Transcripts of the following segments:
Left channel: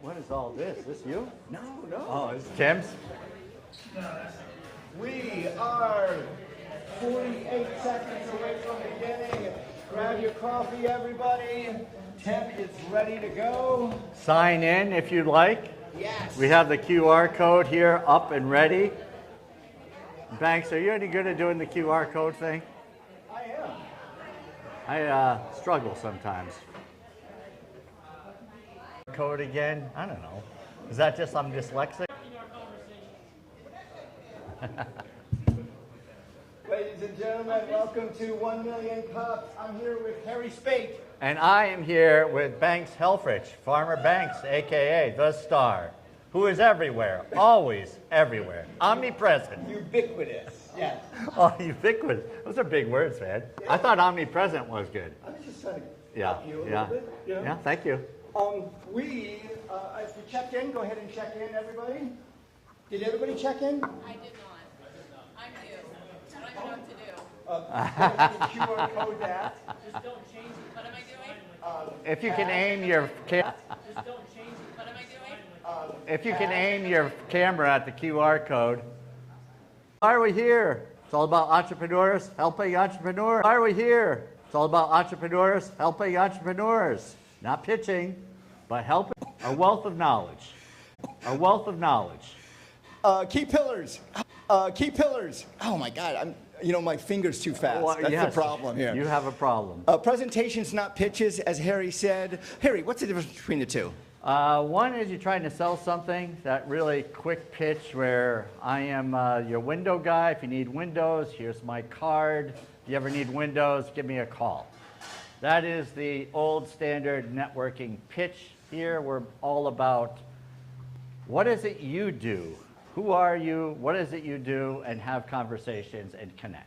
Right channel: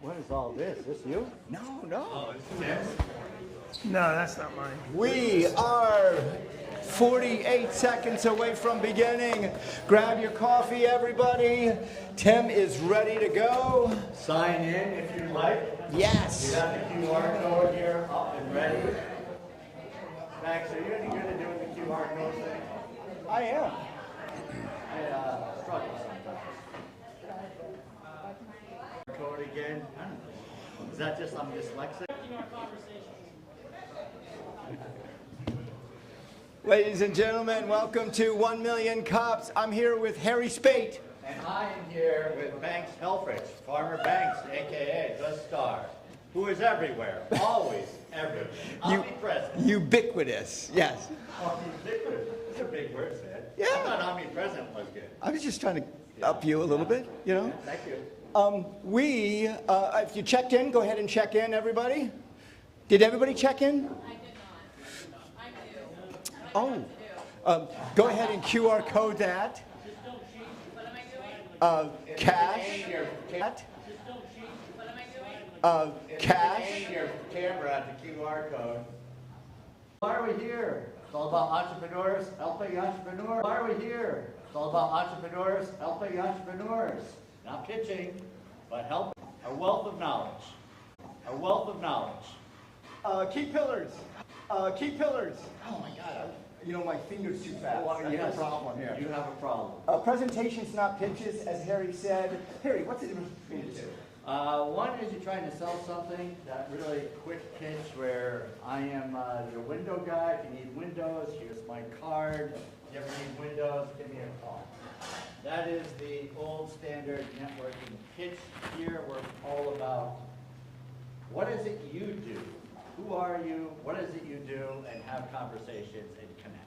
What is all this? This you? No, no. Oh, it's Tim's? No, that's not mine. We are 48 seconds away from beginning. Grab your coffee, everybody. Tim is ready to go. Sign in if you'd like. Yes. We have the QR code here up and ready. Banks, are you any good at doing the QR code thing? I am. I struggle sometimes. Code again? I don't know. Is that just I'm dyslexic? Ladies and gentlemen, welcome to 1 Million Cups. I'm here with Harry Spate. And I am here with Banks Helfrich, Farmer Banks, aka the Star, who is everywhere, always everywhere, omnipresent. Ubiquitous, yes. Oh, ubiquitous. Those are big words, man. Yeah. I thought omnipresent was good. I was just trying to up you a little bit, you know? Yeah, thank you. If you checked in, go ahead and check in, everybody. Did everybody check in? I did not. I'm new. I Oh. don't know what to do. Go ahead and QR code that. What am I doing? If you can aim your cat. What am I doing? If you can aim your camera at the QR code. Why are we here? It's all about entrepreneurs helping entrepreneurs. Why are we here? It's all about entrepreneurs helping entrepreneurs. Not pitching, but helping. A wealth of knowledge. A wealth of knowledge. Key pillars. Key pillars. Oh my God, my finger's too fast. Well, That's yes, the problem here. You have a problem. Presentations, not pitches, as Harry said. Harry, what's the difference between the two? One is you're trying to sell something, that really quick pitch where I am your window guy. If you need windows, here's my card. If you ever need windows, give me a call. That is the old standard networking pitch. Here we're all about what is it you do? Who are you? What is it you do? And have conversations and connect.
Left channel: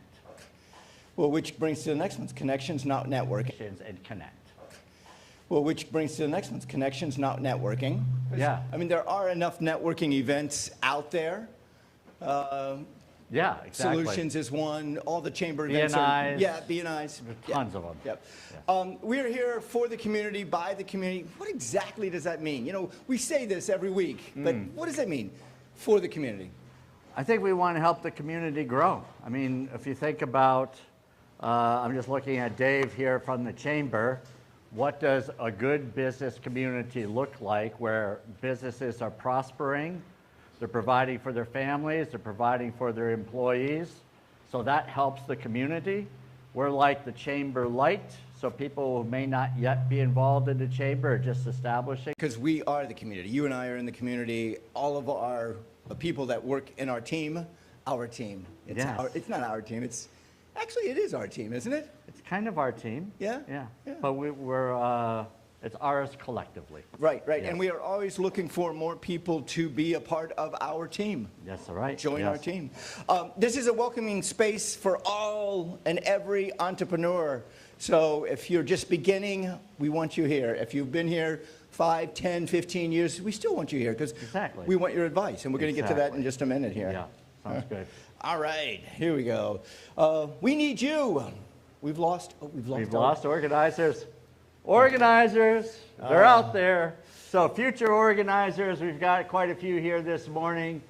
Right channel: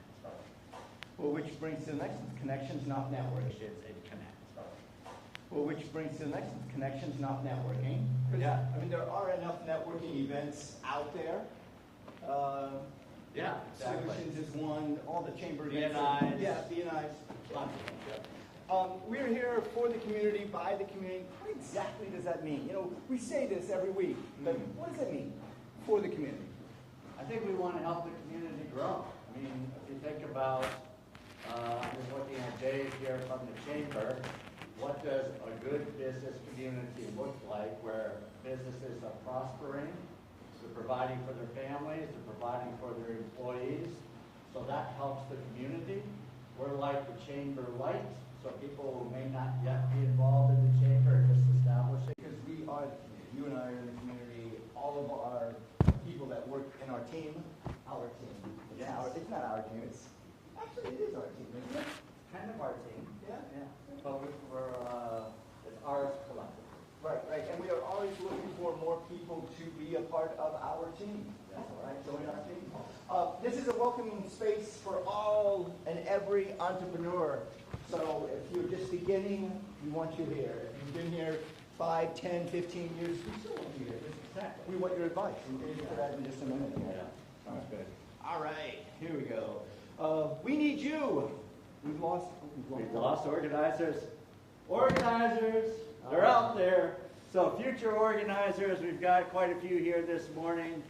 Well, which brings to the next one's connections, not networking. And connect. Well, which brings to the next one's connections, not networking. Yeah. I mean, there are enough networking events out there. Yeah, exactly. Solutions is one. All the chamber events. BNIs. Yeah, BNIs. Tons of them. Yep. We're here for the community, by the community. What exactly does that mean? You know, we say this every week, but what does that mean for the community? I think we want to help the community grow. I mean, if you think about, I'm just looking at Dave here from the chamber. What does a good business community look like where businesses are prospering, they're providing for their families, they're providing for their employees, so that helps the community. We're like the chamber light, so people who may not yet be involved in the chamber are just establishing. Because we are the community. You and I are in the community. All of our people that work in our team, our team. It's, Yes. it's not our team. It's actually, it is our team, isn't it? It's kind of our team. Yeah? Yeah. Yeah. But it's ours collectively. Right, right. Yes. And we are always looking for more people to be a part of our team. That's all right. Join Yes. our team. This is a welcoming space for all and every entrepreneur. So if you're just beginning, we want you here. If you've been here 5, 10, 15 years, we still want you here because Exactly. we want your advice. And we're going to get to that in just a minute here. Yeah, sounds good. All right, here we go. We need you. We've lost Organizers. Organizers, they're out there. So future organizers, we've got quite a few here this morning.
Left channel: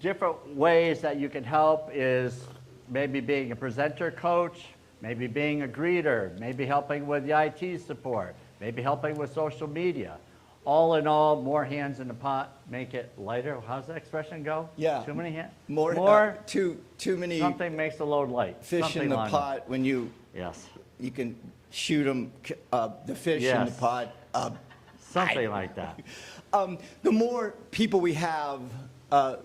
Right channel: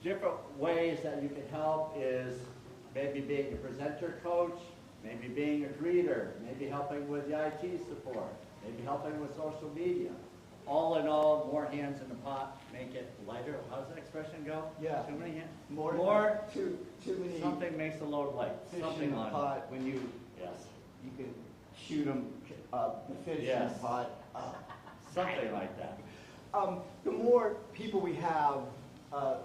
Different ways that you can help is maybe being a presenter coach, maybe being a greeter, maybe helping with the IT support, maybe helping with social media. All in all, more hands in the pot, make it lighter. How's that expression go? Yeah. Too many hands? More too many Something makes the load light. fish Something in the like pot when you Yes. can shoot them, the fish in the Yes. pot. Something like that. The more people we have,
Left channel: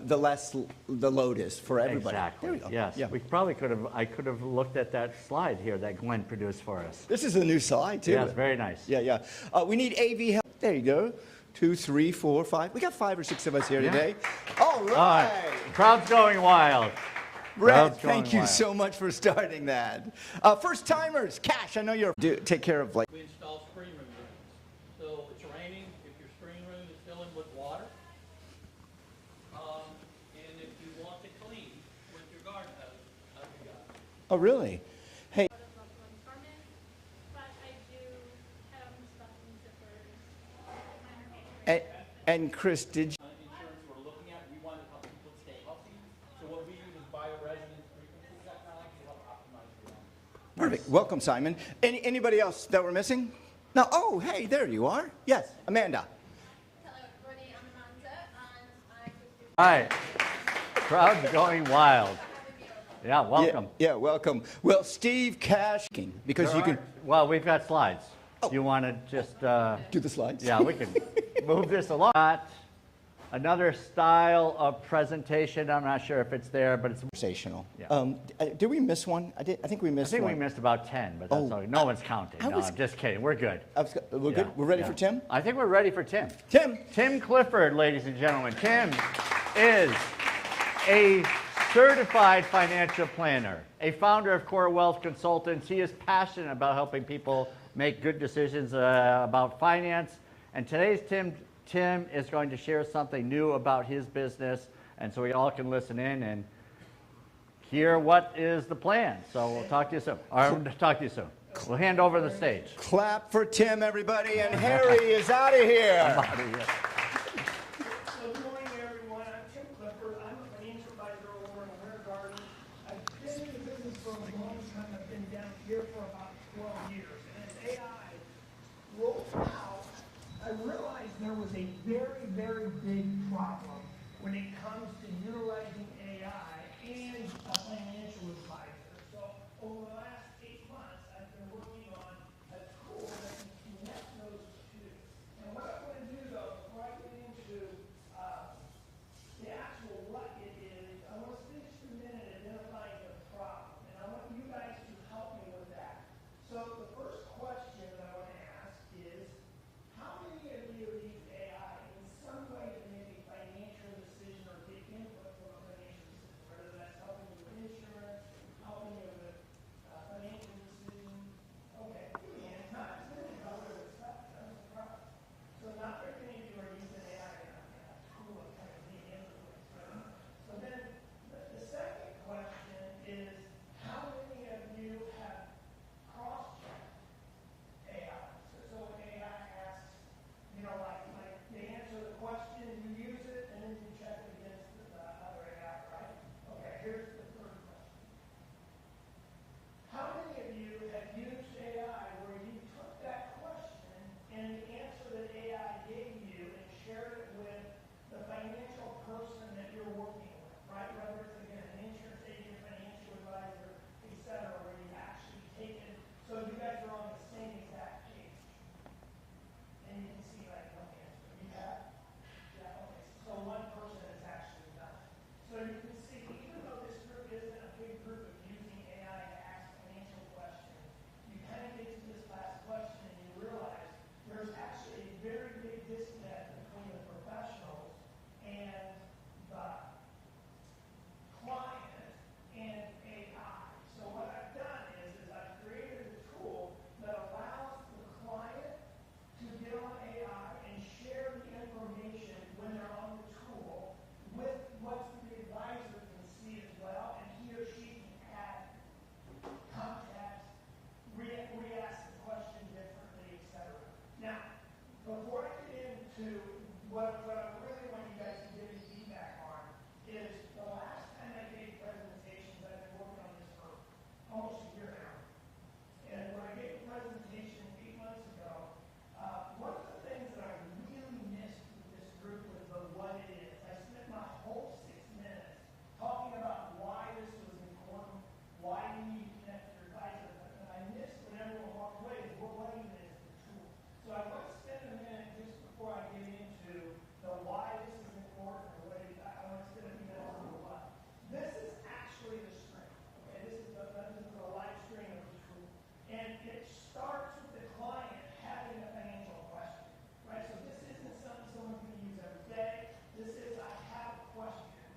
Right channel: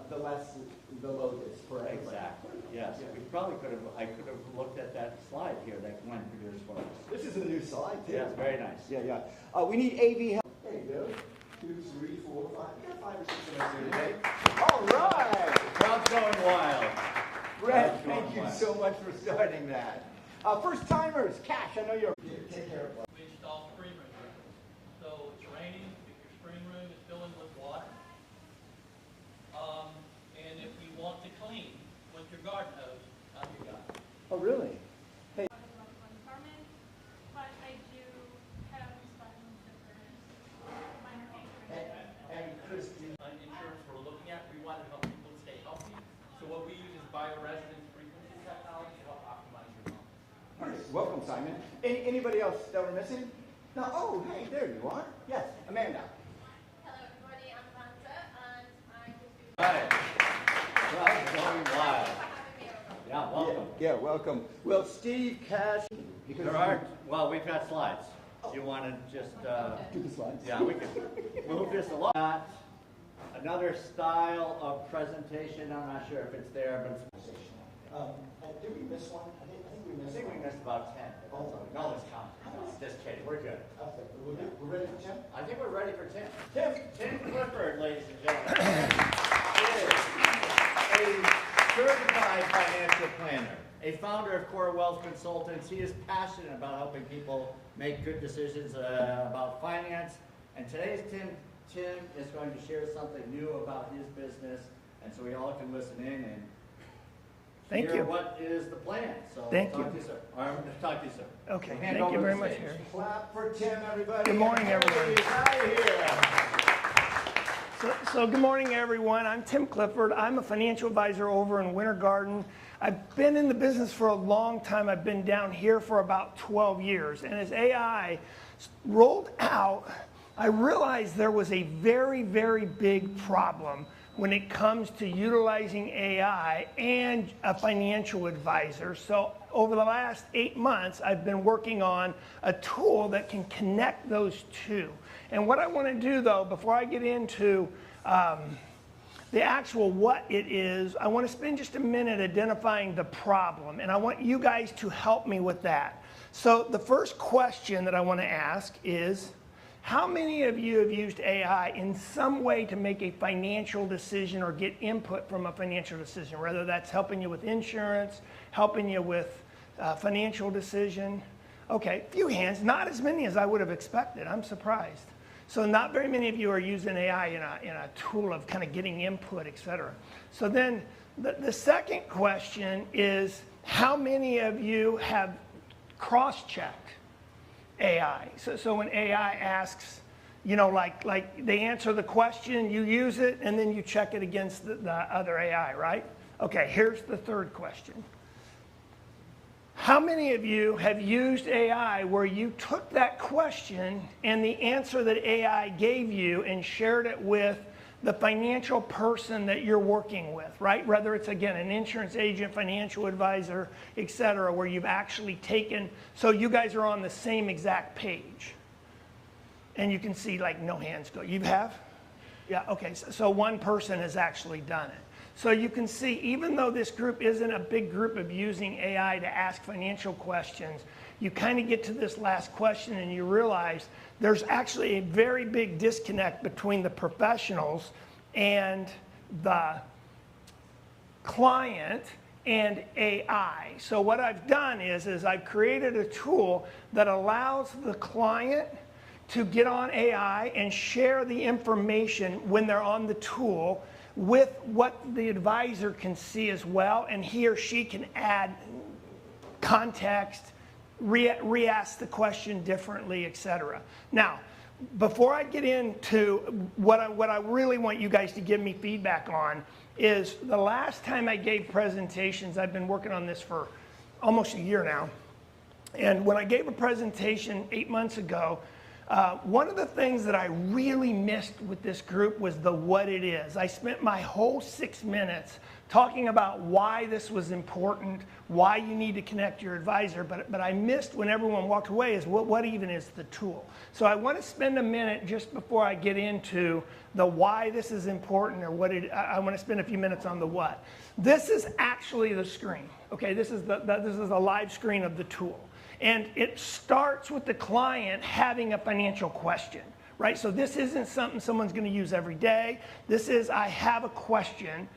the less the load is for everybody. Exactly. There we go. Yes. Yeah. We probably I could have looked at that slide here that Gwen produced for us. This is a new slide too. Yes, very nice. Yeah, yeah. We need AV help. There you go. 2, 3, 4, 5. We got 5 or 6 of us here Yeah. today. All right. Crowd's going wild. Brett, Crowd's going thank you wild. so much for starting that. First timers, Cash, I know you're take care of like. We install screen room units. So it's raining, if your screen room is filling with water, and if you want to clean with your garden hose, you got it. Oh, really? Hey. Chris, did you? Insurance we're looking at, we want to help people stay healthy. So what we use is bioresonance frequency technology to help optimize your health. Perfect. Welcome, Simon. Anybody else that we're missing? No. Oh, hey, there you are. Yes, Amanda. Hello, everybody. I'm Amanda, and I'm 50. All right, crowd's going wild. Yeah, welcome. Yeah, welcome. Well, Steve Cash, because you can Well, we've got slides. You want to just, do the slides. yeah, we can move this along. Another style of presentation, I'm not sure if it's there, but it's, Conversational. Yeah. Did we miss one? I think we I missed think one. we missed about 10, but that's Oh, all. No one's counting. I No, was- I'm just kidding. We're good. We're Yeah, good? We're ready yeah. for Tim? I think we're ready for Tim. Tim! Tim Clifford, ladies and gentlemen. Tim is a certified financial planner, a founder of Core Wealth Consultants. He is passionate about helping people make good decisions about finance. And today's Tim is going to share something new about his business, and so we all can listen in and hear you. what is the plan. So we'll Thank talk to you soon. Or talk to you soon. Okay, We'll hand thank over you the very much, stage. Harry. Clap for Tim, everybody. Good And morning, Harry is out of here. So good morning, everyone. I'm Tim Clifford. I'm a financial advisor over in Winter Garden. I've been in the business for a long time. I've been down here for about 12 years. And as AI rolled out, I realized there was a very, very big problem when it comes to utilizing AI and a financial advisor. So over the last 8 months, I've been working on a tool that can connect those two. And what I want to do, though, before I get into the actual what it is, I want to spend just a minute identifying the problem, and I want you guys to help me with that. So the first question that I want to ask is, how many of you have used AI in some way to make a financial decision or get input from a financial decision, whether that's helping you with insurance, helping you with financial decision? Okay, few hands, not as many as I would have expected. I'm surprised. So not very many of you are using AI in a tool of kind of getting input, et cetera. So then the second question is, how many of you have cross-checked AI? So when AI asks, you know, like they answer the question, you use it, and then you check it against the other AI, right? Okay, here's the third question. How many of you have used AI where you took that question and the answer that AI gave you and shared it with the financial person that you're working with, right? Whether it's, again, an insurance agent, financial advisor, et cetera, where you've actually taken, so you guys are on the same exact page. And you can see, like, no hands go. You have? Yeah, okay, so one person has actually done it. So you can see, even though this group isn't a big group of using AI to ask financial questions, you kind of get to this last question and you realize there's actually a very big disconnect between the professionals and the client and AI. So what I've done is I've created a tool that allows the client to get on AI and share the information when they're on the tool with what the advisor can see as well, and he or she can add context, re-ask the question differently, etc. Now, before I get into what I really want you guys to give me feedback on is the last time I gave presentations, I've been working on this for almost a year now, and when I gave a presentation 8 months ago, one of the things that I really missed with this group was the what it is. I spent my whole 6 minutes talking about why this was important, why you need to connect your advisor, but I missed when everyone walked away is what even is the tool. So I want to spend a minute just before I get into the why this is important, or what it, I want to spend a few minutes on the what. This is actually the screen. Okay, this is the live screen of the tool. And it starts with the client having a financial question, right? So this isn't something someone's going to use every day. This is, I have a question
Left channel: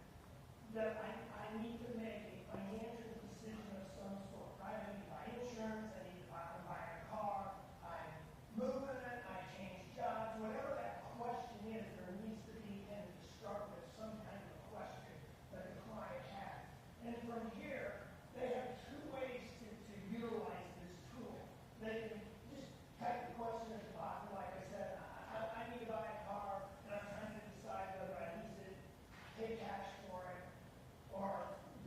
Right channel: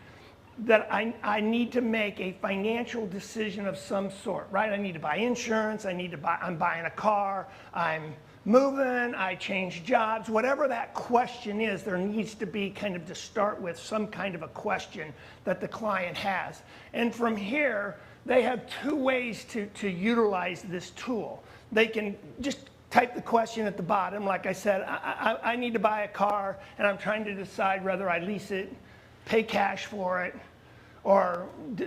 that I need to make a financial decision of some sort, right? I need to buy insurance. I'm buying a car. I'm moving. I change jobs. Whatever that question is, there needs to be kind of to start with some kind of a question that the client has. And from here, they have two ways to utilize this tool. They can just type the question at the bottom. Like I said, I need to buy a car, and I'm trying to decide whether I lease it, pay cash for it, or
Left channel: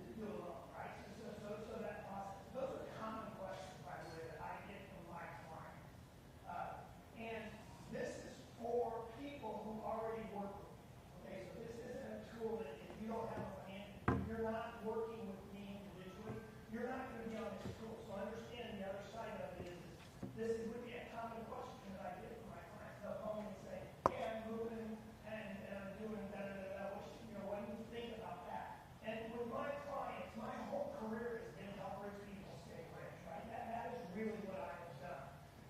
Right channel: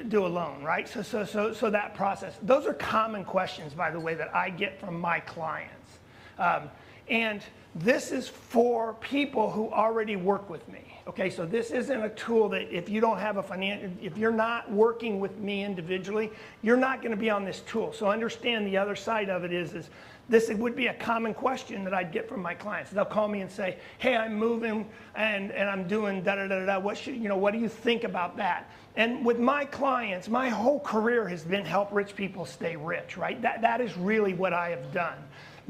do a loan, right? So that process. Those are common questions, by the way, that I get from my clients. And this is for people who already work with me. Okay, so this isn't a tool that if you don't have a if you're not working with me individually, you're not going to be on this tool. So understand the other side of it is this would be a common question that I'd get from my clients. They'll call me and say, hey, I'm moving and I'm doing da-da-da-da. What do you think about that? And with my clients, my whole career has been help rich people stay rich, right? That is really what I have done.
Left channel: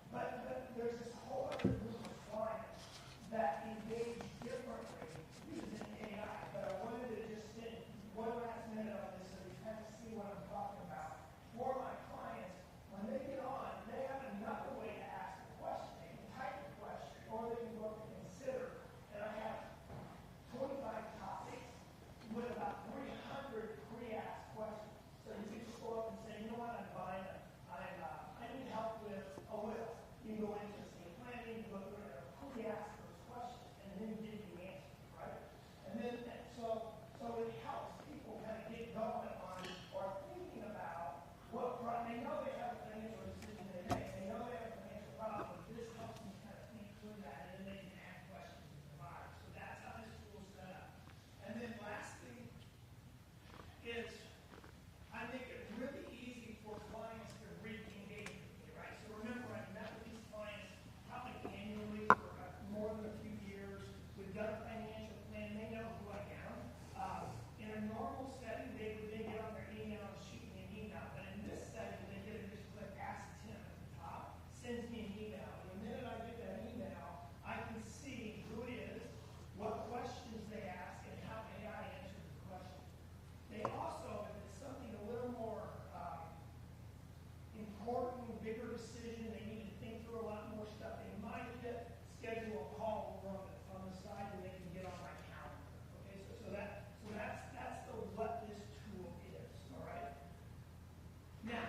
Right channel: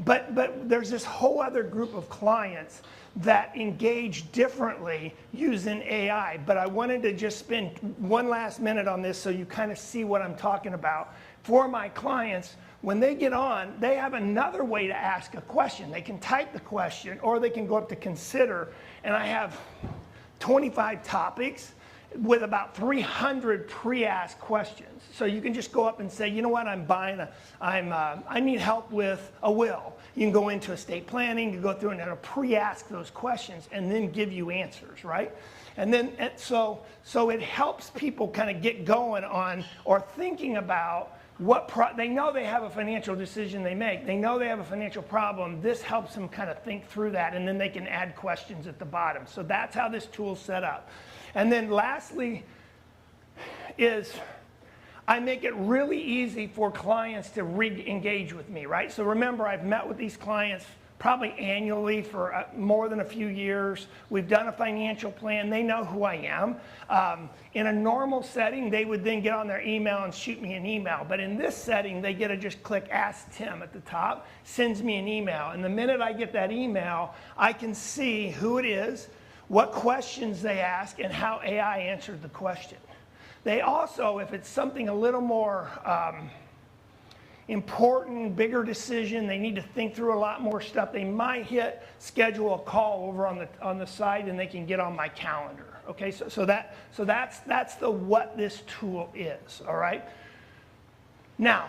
But there's this whole other group of clients that engage differently using AI. But I wanted to just spend one last minute on this so you kind of see what I'm talking about. For my clients, when they get on, they have another way to ask a question. They can type the question, or they can go up to consider. And I have 25 topics with about 300 pre-asked questions. So you can just go up and say, you know what, I need help with a will. You can go into estate planning, you go through and it'll pre-ask those questions and then give you answers, right? And then, so it helps people kind of get going on or thinking about they know they have a financial decision they make. They know they have a financial problem. This helps them kind of think through that, and then they can add questions at the bottom. So that's how this tool's set up. And then lastly is I make it really easy for clients to re-engage with me, right? So remember, I've met with these clients probably annually for more than a few years. We've done a financial plan. They know who I am. In a normal setting, they would then get on their email and shoot me an email. But in this setting, they get to just click Ask Tim at the top, sends me an email. And the minute I get that email, I can see who it is, what questions they ask, and how AI answered the question. They also, if it's something a little more important, bigger decision, they need to think through a lot more stuff, they might hit schedule a call over on the side, and they can get on my calendar. Okay, so that's what this tool is, all right? Now,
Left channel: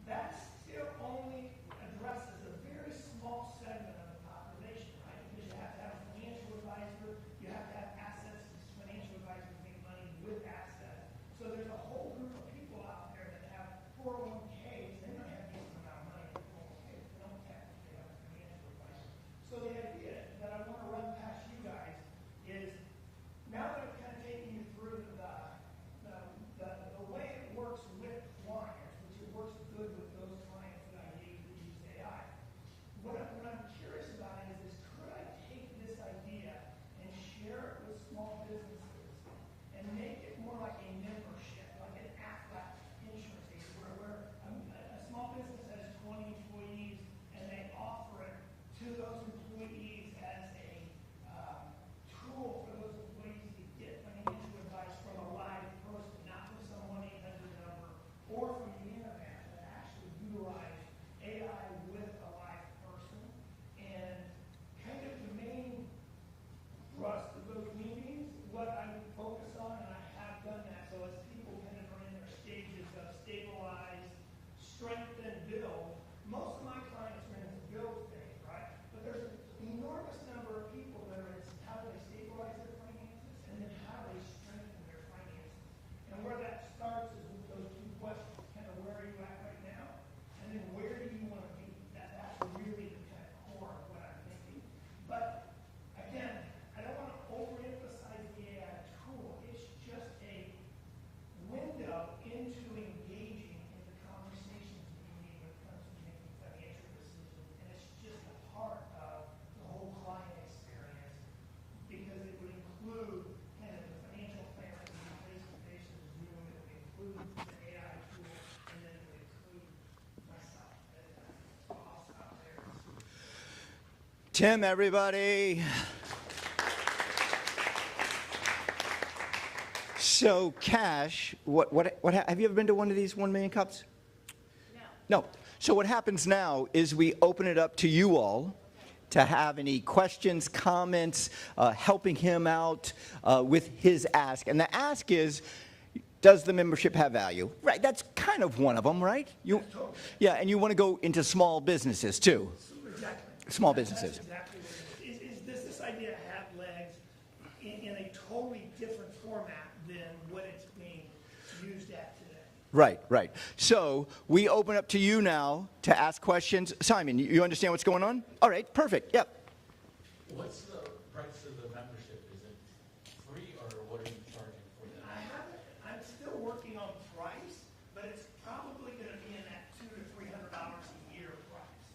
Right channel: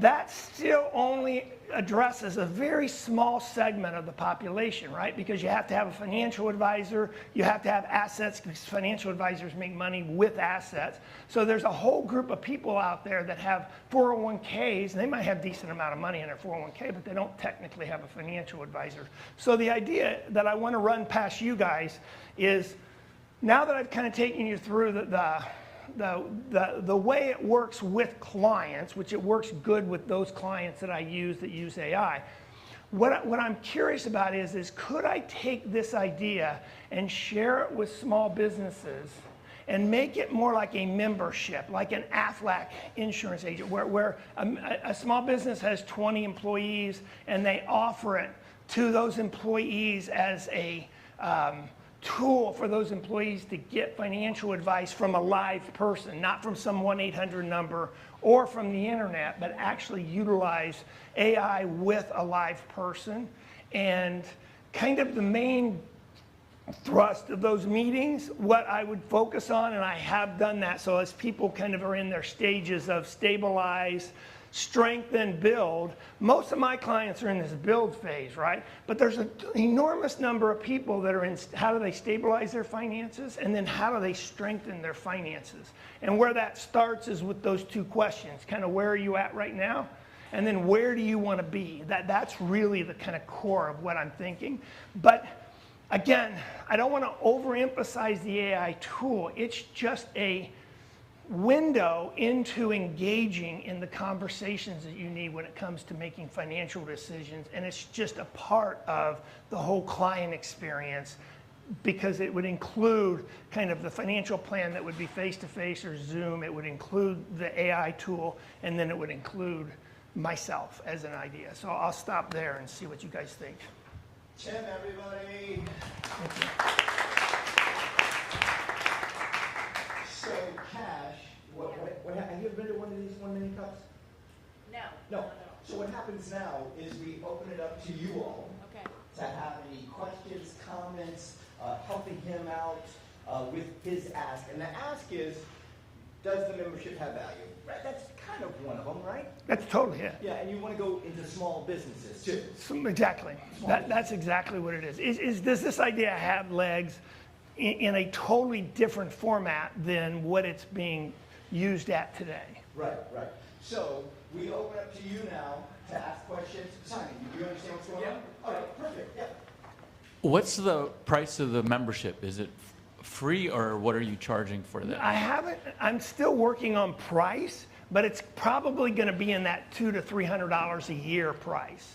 that still only addresses a very small segment of the population, right? Because you have to have a financial advisor, you have to have assets, because financial advisors make money with assets. So there's a whole group of people out there that have 401ks, and they might have a decent amount of money in their 401k, but they don't technically have a financial advisor. So the idea that I want to run past you guys is, now that I've kind of taken you through the way it works with clients, which it works good with those clients that I use that use AI, what I'm curious about is could I take this idea and share it with small businesses and make it more like a membership, like an Aflac insurance agent, where a small business has 20 employees and they offer it to those employees as a tool for those employees to get financial advice from a live person, not from some 1-800 number or from the internet, but actually utilize AI with a live person. And kind of the main thrust of those meetings, what I would focus on, and I have done that, so as people kind of are in their stages of stabilize, strengthen, build. Most of my clients are in this build phase, right? But there's an enormous number of people that are in how do they stabilize their finances, and then how do they strengthen their finances. And where that starts is with those two questions, kind of where are you at right now? And then where do you want to be? That's really the kind of core of what I'm thinking. But again, I don't want to overemphasize the AI tool. It's just a window into engaging in the conversations that you need when it comes to making financial decisions, and it's just a part of the whole client experience, because it would include kind of the financial plan that would be face-to-face or Zoom, it would include the AI tool, and then it would include myself as an idea. So I'll stop there and see what you guys think. Tim, everybody. So, Cash, what have you ever been to one of these 1 Million Cups? No. So what happens now is we open it up to you all to have any questions, comments, helping him out with his ask. And the ask is, does the membership have value? Right, that's kind of one of them, right? That's totally, yeah. Yeah, and you want to go into small businesses too. Exactly. Small That's businesses. exactly what it is. Does this idea have legs in a totally different format than what it's being used at today? Right, right. So we open up to you now to ask questions. Simon, you understand what's going on? All right, perfect, yeah. What's the price of the membership? Is it free, or what are you charging for that? I'm still working on price, but it's probably going to be in that $200 to $300 a year price,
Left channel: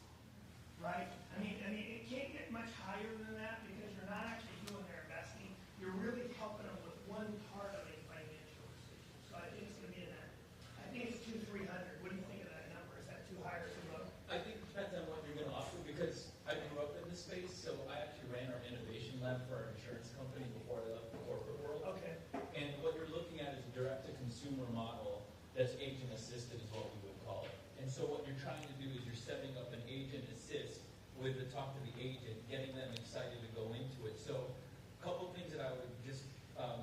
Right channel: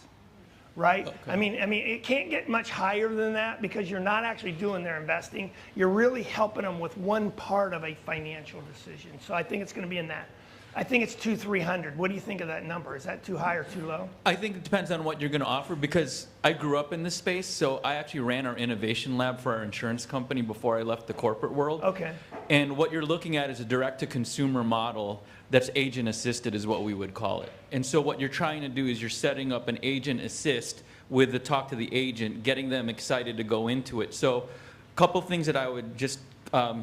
right? Okay. I mean, it can't get much higher than that because you're not actually doing their investing. You're really helping them with one part of a financial decision. So I think it's going to be in that. I think it's $200-300. What do you think of that number? Is that too high or too low? I think it depends on what you're going to offer, because I grew up in this space, so I actually ran our innovation lab for our insurance company before I left the corporate world. Okay. And what you're looking at is a direct-to-consumer model that's agent-assisted is what we would call it. And so what you're trying to do is you're setting up an agent assist with the talk to the agent, getting them excited to go into it. So a couple things that I would just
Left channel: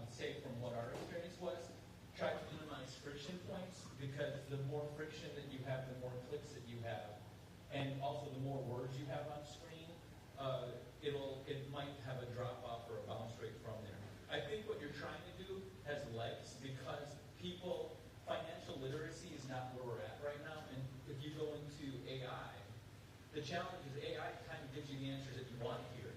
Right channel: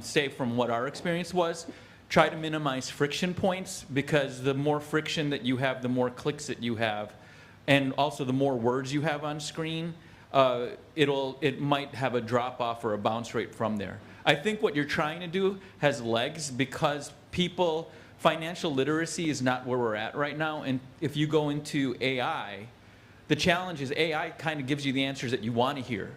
say from what our experience was: try to minimize friction points, because the more friction that you have, the more clicks that you have, and also the more words you have on screen, it might have a drop off or a bounce rate from there. I think what you're trying to do has legs, because financial literacy is not where we're at right now. And if you go into AI, the challenge is AI kind of gives you the answers that you want to hear.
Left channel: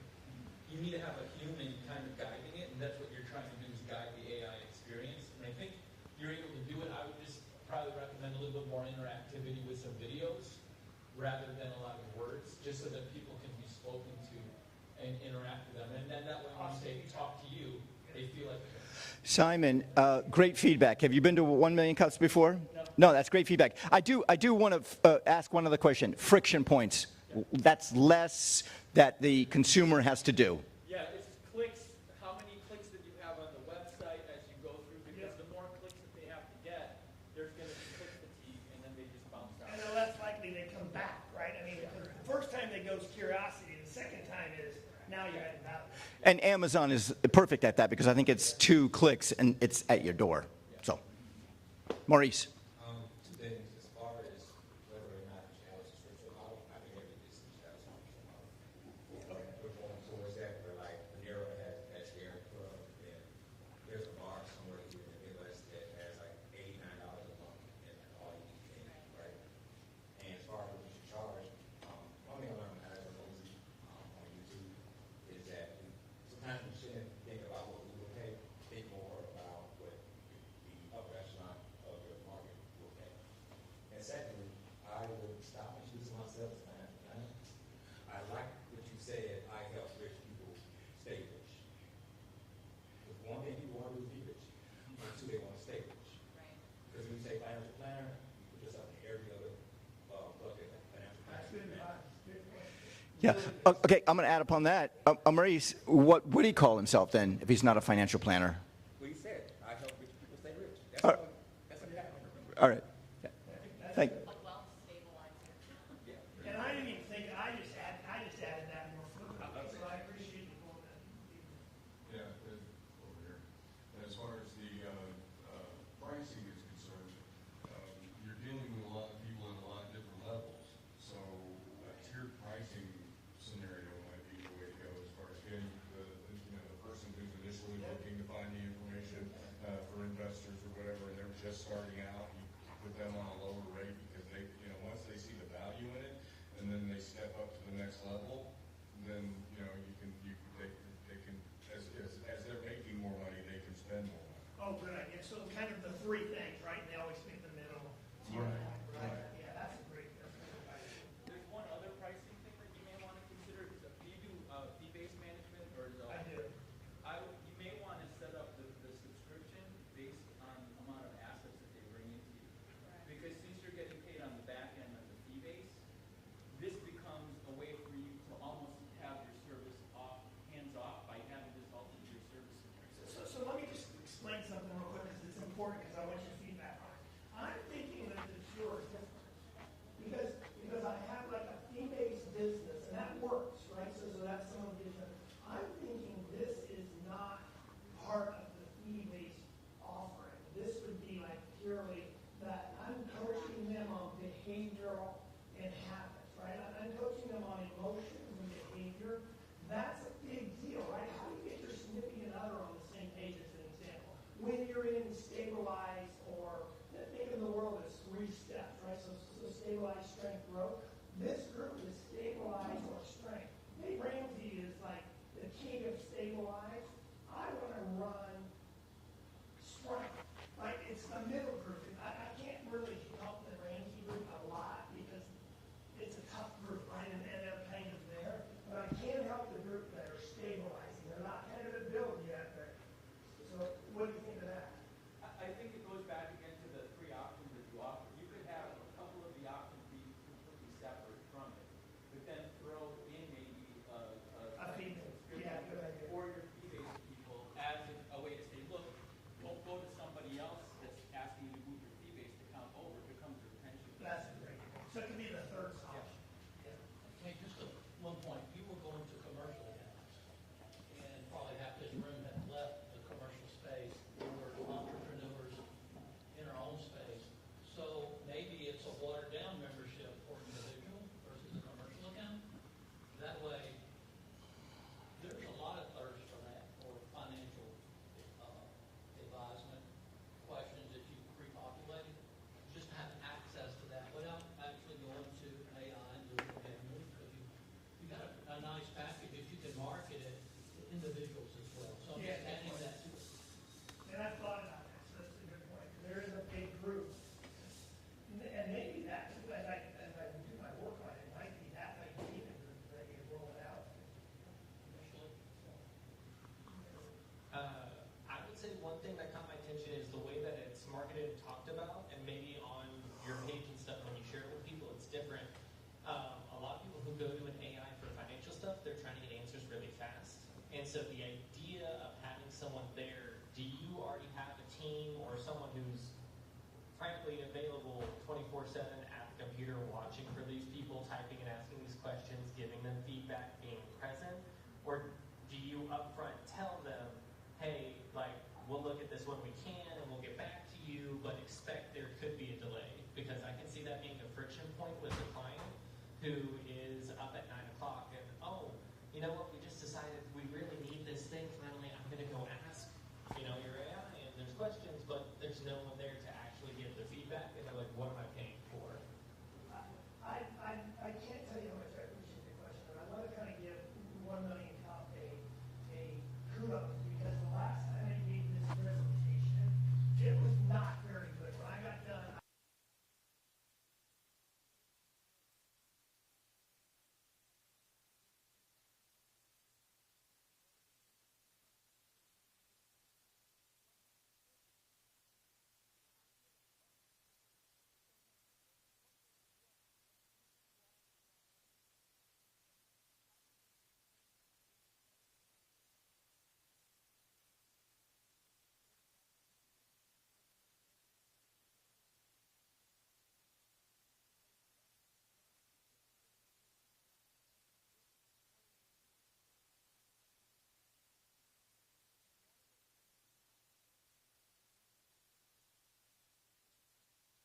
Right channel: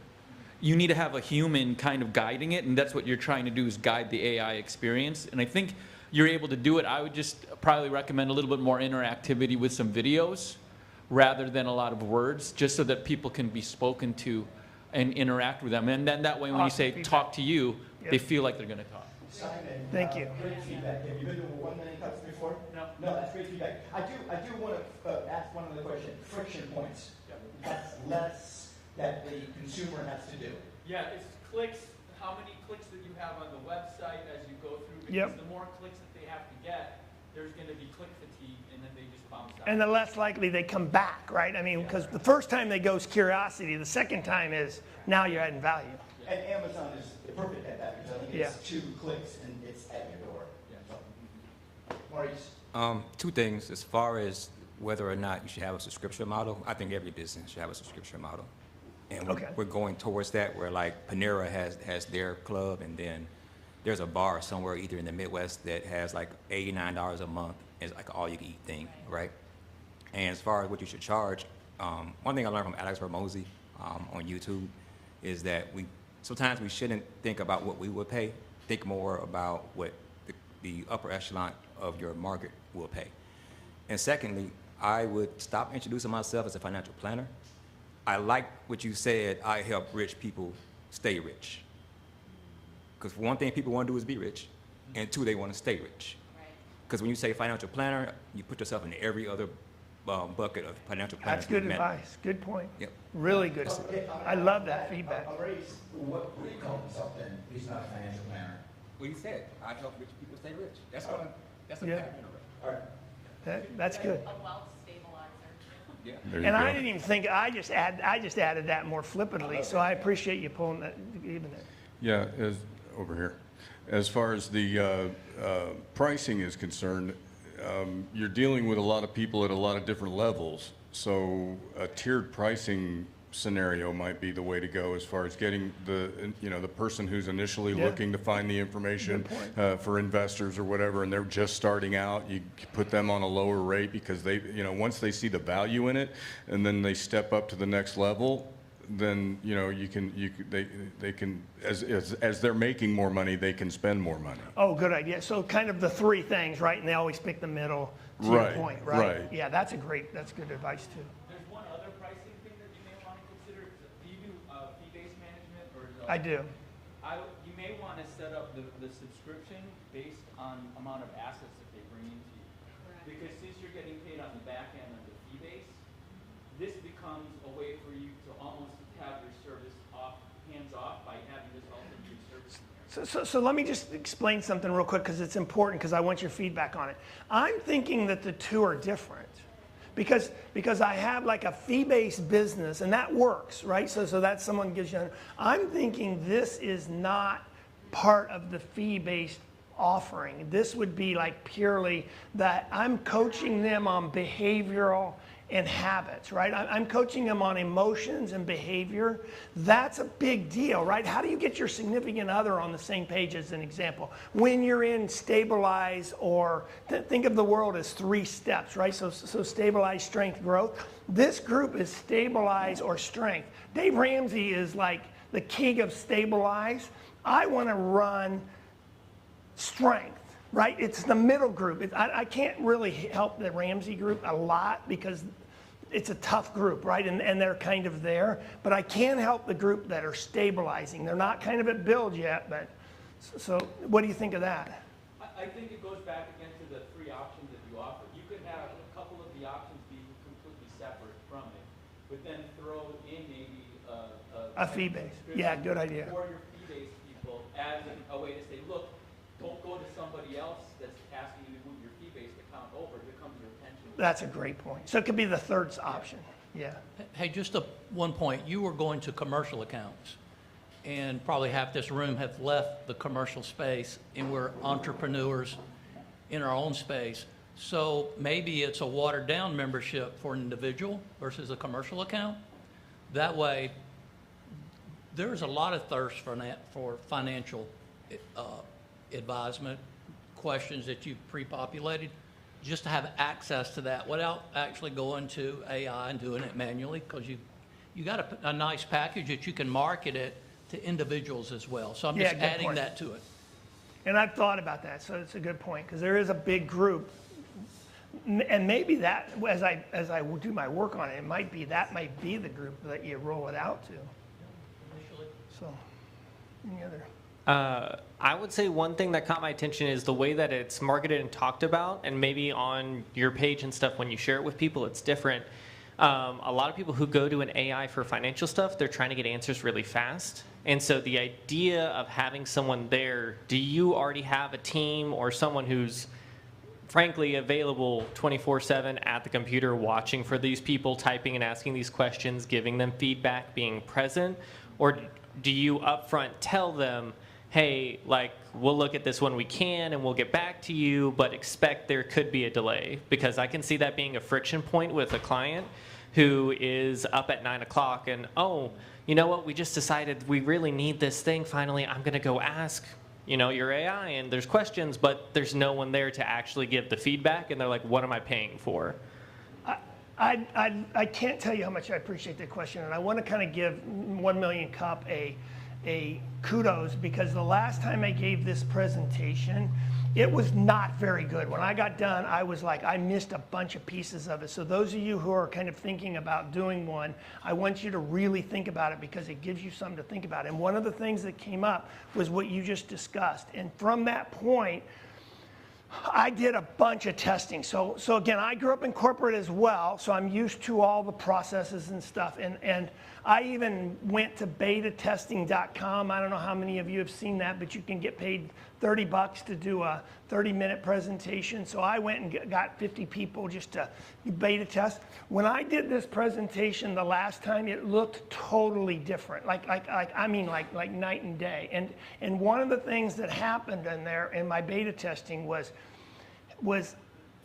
You need to have a human kind of guiding it, and that's what you're trying to do, is guide the AI experience. And I think you're able to do it. I would just probably recommend a little bit more interactivity with some videos rather than a lot of words, just so that people can be spoken to and interact with them. And then that way, when you say talk to you, they feel like they're going to talk. Simon, Thank you. great feedback. Have you been to 1 Million Cups before? No, that's great feedback. I do want to ask one other question. Friction points. That's less that the consumer has to do. Yeah, it's clicks, how many clicks that you have on the website as you go through, because Yep. the more clicks that they have to get, there's going to be click fatigue, and then they just bounce out. And the less likely they come back, right? I mean, because the first time they go is curiosity. The second time is now you're adding value. And Amazon is perfect at that, because I think it's Yeah. 2 clicks and it's at your door. So, Maurice. Two things. As far as whether or not you should have a subscription model, I think every business should have a subscription model. And we're going towards that, where like Panera has their club, and then there's a bar somewhere either in the Midwest that has like $89 a month. It's like an all-you-can-eat thing, right? And as far as what you should charge, one thing I learned from Alex Hormozy on YouTube is that sometimes we shouldn't think about what we would pay. Think more about what the upper echelon of your market will pay. And secondly, I would stop introducing myself as a financial planner. I like what you said, I help rich people stay rich. Because one thing people want to do is be rich, and two, they want to stay rich. Because when you say financial planner, you put yourself in every other bucket of financial planner. That's good advice. Good point. Yep. Really good. Okay, I'm going to I add love upon that. feedback. Maurice, what would he call himself then if he's not a financial planner? Well, you said, I help rich people stay rich. That's All a, right. that's a Yeah. pattern already. All right. That's Hey. good. A wealth stabilizer. Yeah. There you And go. I didn't even think, I just added that more flippantly, so I appreciate you pulling that, even that. Yeah, over here. As far as the pricing is concerned, you're dealing with a lot of people at a lot of different levels. So a tiered pricing scenario might be the way to go, as far as getting the person who's initially Yeah. looking to find the information Good for investors or whatever, and they're just starting out. You put them on a lower rate, because they, once they see the value in it, and then they step up to the next level, then they can as they're making more money, they can spend more money. Oh, good idea. So kind of the three things, right? And they always pick the middle, to your Right, point, right? right. Yeah, that's good advice too. There's one other pricing thing that you may want to consider. Do you do fee-based management, or is I do. You may want to set up the subscription based on amount of assets that they bring into you. Because since you're getting paid on the back end of the fee base, this becomes a way for you to almost have your service hands off by having this also be your service. So let me just explain something real quick, because it's important, because I want your feedback on it. I'm thinking that the two are different, because I have like a fee-based business, and that works, right? So that someone gives you. I'm thinking this is not part of the fee-based offering. This would be like purely that I'm coaching them on behavioral and habits, right? I'm coaching them on emotions and behavior. That's a big deal, right? How do you get your significant other on the same page as an example? When you're in stabilize, or think of the world as 3 steps, right? So stabilize, strength, growth. This group is stabilize or strength. Dave Ramsey is like the king of stabilize. I want to run strength, right? It's the middle group. I can't really help the Ramsey group a lot because it's a tough group, right? And they're kind of there. But I can help the group that are stabilizing. They're not kind of at build yet, but so what do you think of that? I think it goes back again to the 3 options that you offer. You could have a couple of the options be completely separate from it, but then throw in maybe A fee base. Yeah, good idea. For your fee-based people as a way to say, look, don't go to somebody else that's asking you to move your fee-based account over. Here comes your pension. That's a great point. So it could be the third option. Yeah. Hey, just one point. You were going to commercial accounts, and probably half this room have left the commercial space, and we're entrepreneurs in our own space. So maybe it's a watered-down membership for an individual versus a commercial account. That way, there's a lot of thirst for financial advisement questions that you've pre-populated, just to have access to that without actually going to AI and doing it manually, because you got a nice package that you can market it to individuals as well. So I'm just Yeah, good adding point. that to it. And I've thought about that, so it's a good point, because there is a big group. And maybe that, as I do my work on it, might be the group that you roll it out to. So, any other? I would say one thing that caught my attention is the way that it's marketed and talked about, and maybe on your page and stuff, when you share it with people, it's different. A lot of people who go to an AI for financial stuff, they're trying to get answers really fast. And so the idea of having someone there, do you already have a team or someone who's frankly available 24/7 at the computer watching for these people, typing and asking these questions, giving them feedback, being present? Or do you upfront tell them, hey, like, we'll look at this when we can and we'll get back to you, but expect there could be a delay? Because I can see that being a friction point with a client who is up at 9 o'clock and, oh, you know what, we just decided we really need this thing finally. I'm going to go ask, your AI, and there's questions, but there's no one there to actually give the feedback, and they're like, what am I paying for? I can't tell you how much I appreciate that question, and I want to kind of give 1 Million Cup a kudos, because the last time I gave this presentation, it was not very good. When I got done, I was like, I missed a bunch of pieces of it. So those of you who are kind of thinking about doing one, I want you to really think about it, because it gives you something to think about. And one of the things that came up was what you just discussed. And from that point, I did a bunch of testing. So again, I grew up in corporate as well, so I'm used to all the processes and stuff. And I even went to betatesting.com. I don't know how many of you have seen that, but you can get paid $30 to do a 30-minute presentation. So I went and got 50 people just to beta test. When I did this presentation the last time, it looked totally different, like night and day. And one of the things that happened in there in my beta testing was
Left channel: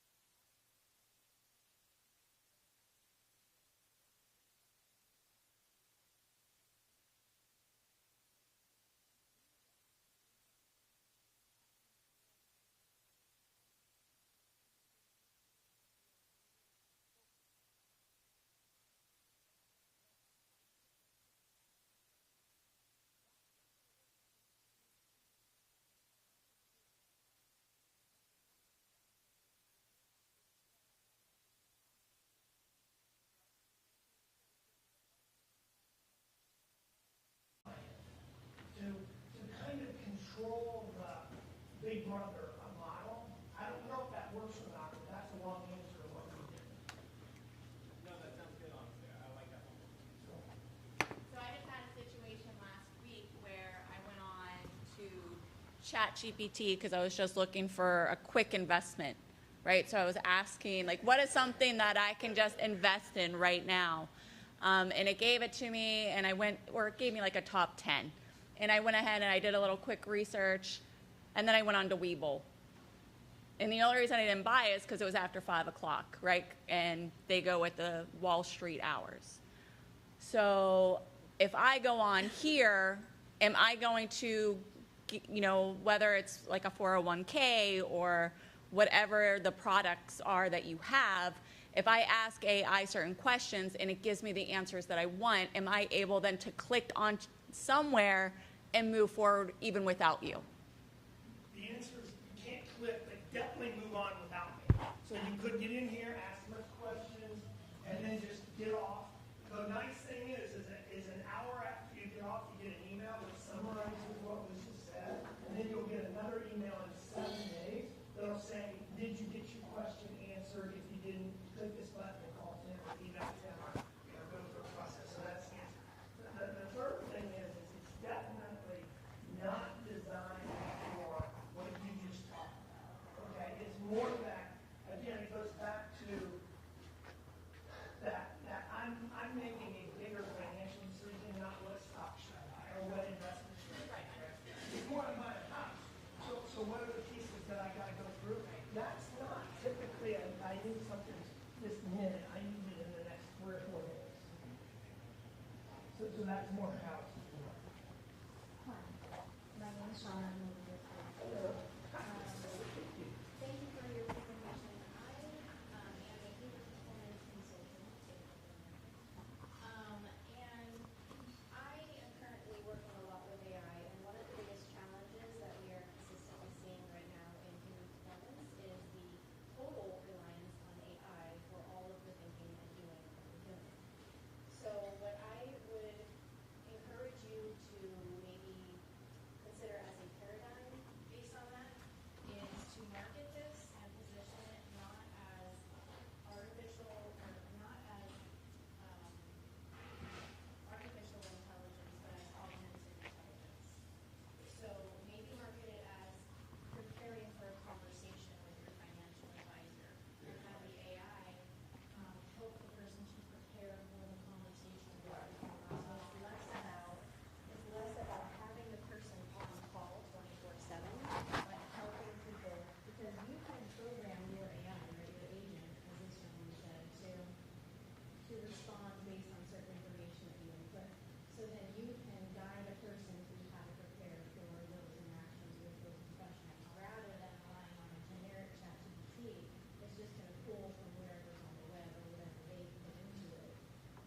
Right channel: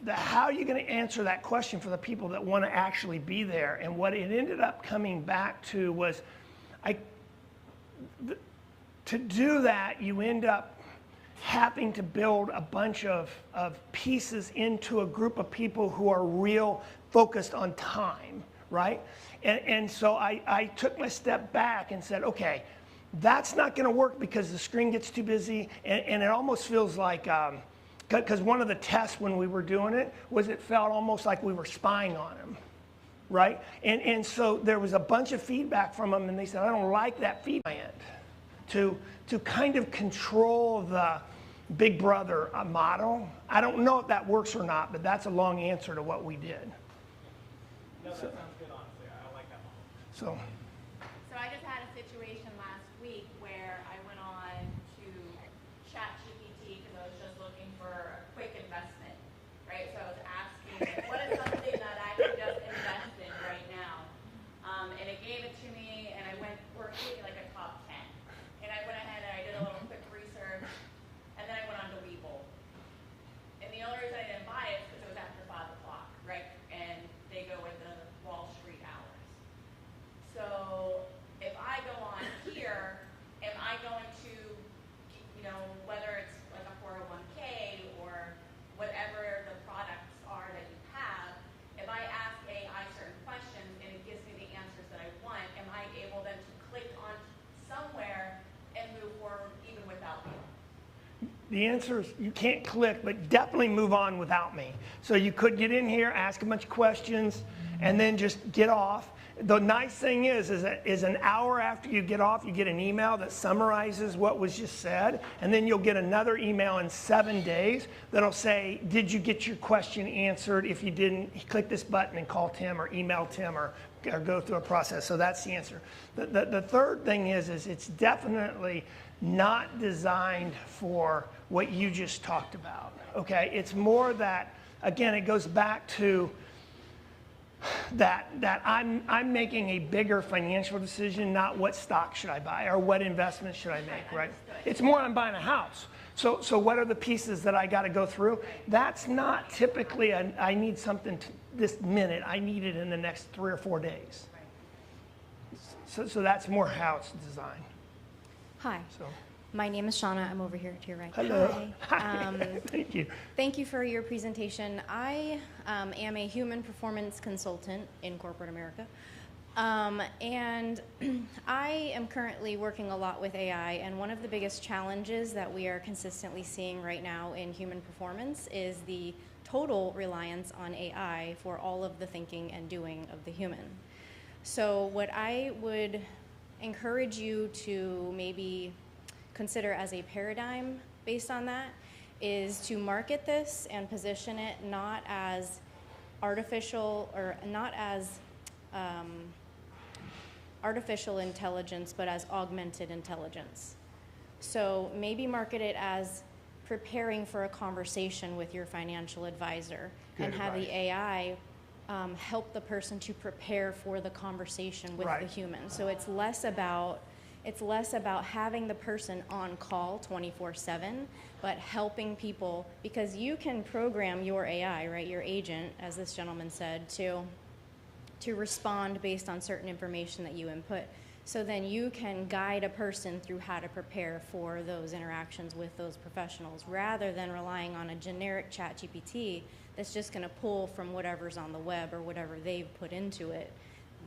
how are you going to answer that question for the people that want to actually be there? And what it ended up coming back to was, to do that, you end up having to build a bunch of pieces into a group of people who are real focused on time, right? And so I took my step back and said, okay, that's not going to work because the screen gets too busy, and it almost feels like, because one of the tests when we were doing it was it felt almost like we were spying on them, right? And so there was a bunch of feedback from them, and they said, I don't like that feedback. To kind of control the Big Brother model. I don't know if that works or not, but that's a long answer to what we did. No, that sounds good, honestly. I like that model. So I just had a situation last week where I went on to ChatGPT because I was just looking for a quick investment, right? So I was asking, like, what is something that I can just invest in right now? And it gave it to me, and it gave me like a top 10. And I went ahead and I did a little quick research, And then I went on to Webull. And the only reason I didn't buy it is because it was after 5 o'clock, right? And they go with the Wall Street hours. So if I go on here, am I going to, you know, whether it's like a 401k or whatever the products are that you have, if I ask AI certain questions and it gives me the answers that I want, am I able then to click on somewhere and move forward even without you? The answer is you can't click, but definitely move on without me. So you could get in here, ask a bunch of questions, and then just get off. The nice thing is an hour after you get off, you get an email that summarizes what was just said, and then you'll get another email in 7 days that'll say, did you get your question answered? If you didn't, click this button and call Tim or email Tim or go through a process. So that's the answer. The third thing is it's definitely not designed for what you just talked about, okay? It's more that, again, it goes back to that I'm making a bigger financial decision, not what stock should I buy or what investment should I make, right? It's more I'm buying a house. So what are the pieces that I got to go through? That's not typically I need something this minute. I need it in the next 3 or 4 days. So that's more how it's designed. Hi. So. My name is Shauna. I'm over here to your right. Hello. Hi. Thank you. Thank you for your presentation. I am a human performance consultant in corporate America. And I am currently working a lot with AI, and one of the biggest challenges that we are consistently seeing right now in human performance is the total reliance on AI for all of the thinking and doing of the human. So what I would encourage you to maybe consider as a paradigm based on that is to market this and position it not as artificial or not as artificial intelligence, but as augmented intelligence. So maybe market it as preparing for a conversation with your financial advisor. Good and have advice. The AI help the person to prepare for the conversation with the human. So it's less about having the person on call 24/7, but helping people, because you can program your AI, right, your agent, as this gentleman said, to respond based on certain information that you input. So then you can guide a person through how to prepare for those interactions with those professionals, rather than relying on a generic ChatGPT that's just going to pull from whatever's on the web or whatever they've put into it.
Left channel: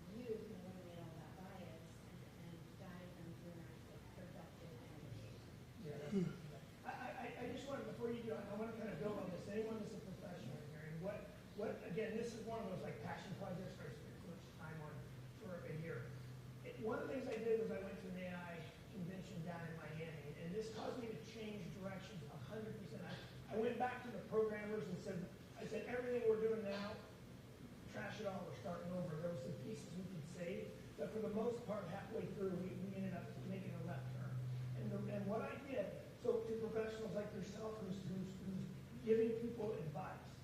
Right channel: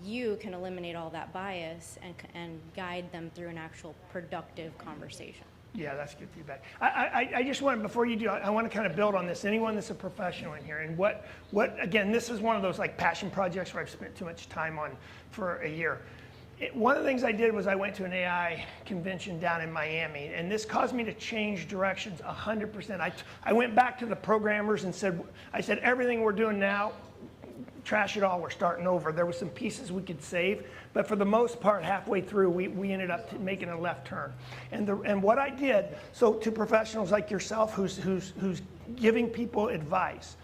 You can eliminate all that bias and guide them through an actual productive conversation. Yeah, that's good feedback. I just want, before you do, I want to kind of build on this. Anyone that's a professional in here, and what again, this is one of those like passion projects where I've spent too much time on for a year. One of the things I did was I went to an AI convention down in Miami, and this caused me to change directions 100%. I went back to the programmers and said, everything we're doing now, trash it all, we're starting over. There were some pieces we could save, but for the most part, halfway through, we ended up making a left turn. And what I did, so to professionals like yourself who's giving people advice,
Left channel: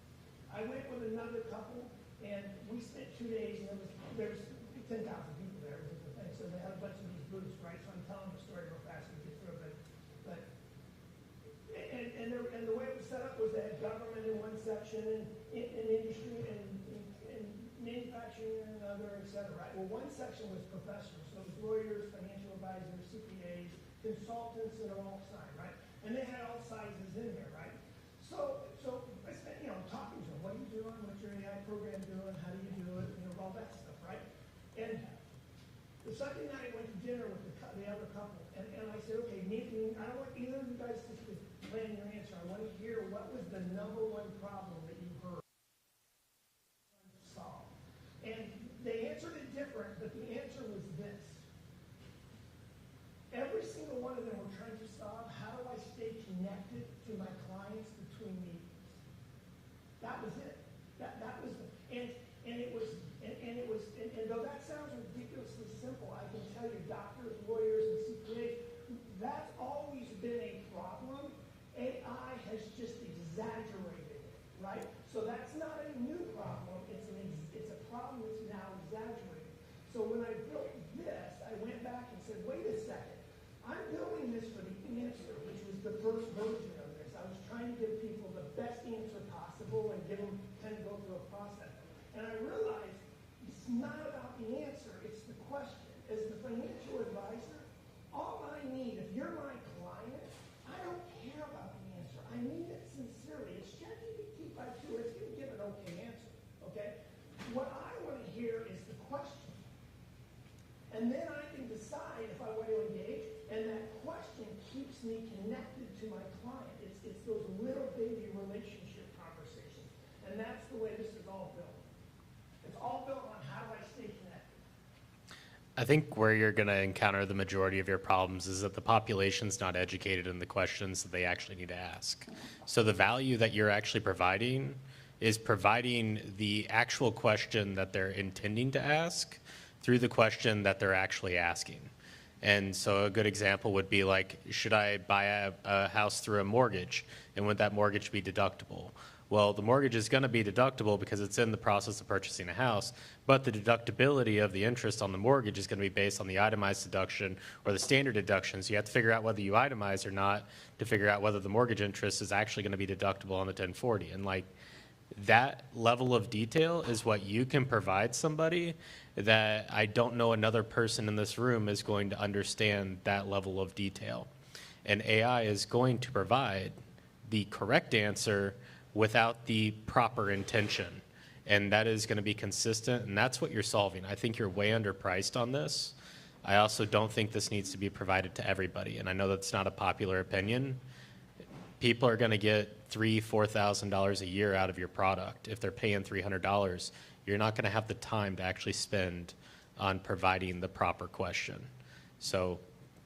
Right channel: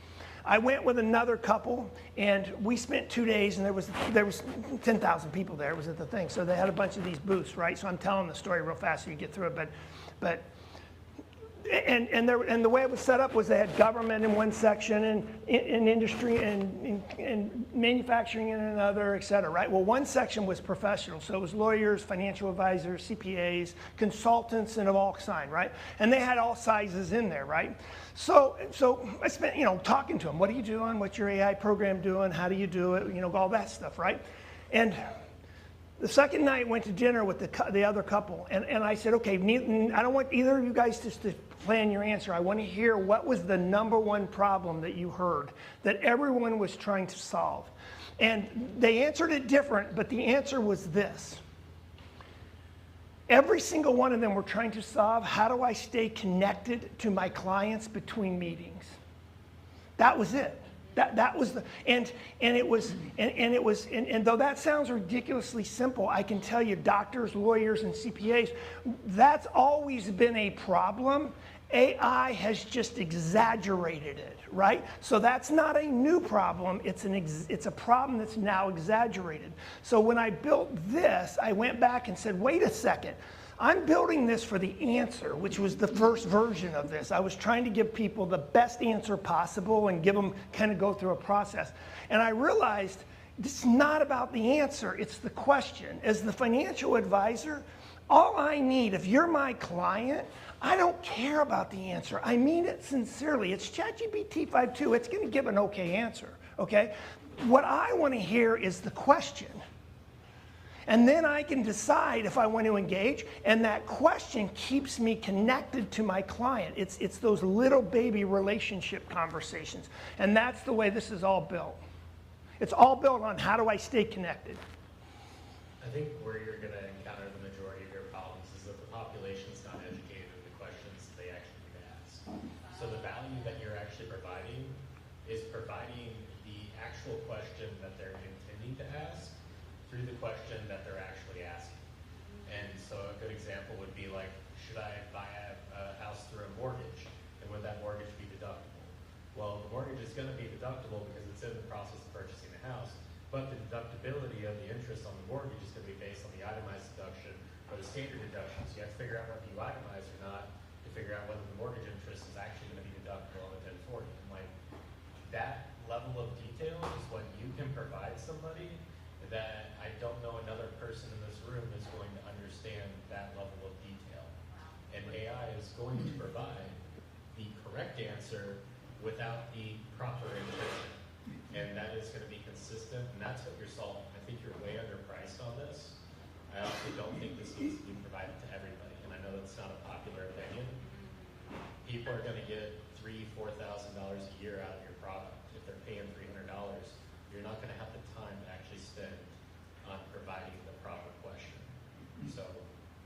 I went with another couple, and we spent 2 days, and there was 10,000 people there. It was at the thing, so they had a bunch of these booths, right? So I'm telling the story real fast so you get through it, but and the way it was set up was they had government in one section and industry and manufacturing in another, et cetera, right? Well, one section was professional, so it was lawyers, financial advisors, CPAs, consultants, and of all kinds, right? And they had all sizes in there, right? So I spent, talking to them. What are you doing? What's your AI program doing? How do you do it? All that stuff, right? And the second night, went to dinner with the other couple, and I said, okay, I don't want either of you guys just to plan your answer. I want to hear what was the number one problem that you heard that everyone was trying to solve. And they answered it different, but the answer was this. Every single one of them were trying to solve, how do I stay connected to my clients between meetings? That was it. That was the, and though that sounds ridiculously simple, I can tell you doctors, lawyers, and CPAs, that's always been a problem. AI has just exaggerated it, right? So that's not a new problem. It's a problem that's now exaggerated. So when I built this, I went back and said, wait a second. I'm building this for the answer, which was the first version of this. I was trying to give people the best answer possible and give them kind of go through a process. And I realized it's not about the answer, it's the question. As the financial advisor, all I need, if you're my client, I don't care about the answer. I mean it sincerely. It's ChatGPT 5.2. It's going to give an okay answer, okay? What I want to hear is the question. And then I can decide if I want to engage, and that question keeps me connected to my client. It's those little baby relationship conversations. And that's the way this is all built. It's all built on how do I stay connected. I think where you're going to encounter the majority of your problems is that the population's not educated in the questions that they actually need to ask. So the value that you're actually providing is providing the actual question that they're intending to ask through the question that they're actually asking. And so a good example would be like, should I buy a house through a mortgage? And would that mortgage be deductible? Well, the mortgage is going to be deductible because it's in the process of purchasing a house, but the deductibility of the interest on the mortgage is going to be based on the itemized deduction or the standard deduction. So you have to figure out whether you itemize or not to figure out whether the mortgage interest is actually going to be deductible on the 1040. And like that level of detail is what you can provide somebody that I don't know another person in this room is going to understand that level of detail. And AI is going to provide the correct answer without the proper intention. And that is going to be consistent, and that's what you're solving. I think you're way underpriced on this. I also don't think this needs to be provided to everybody, and I know that's not a popular opinion. People are going to get $3,000, $4,000 a year out of your product. If they're paying $300, you're not going to have the time to actually spend on providing the proper question. So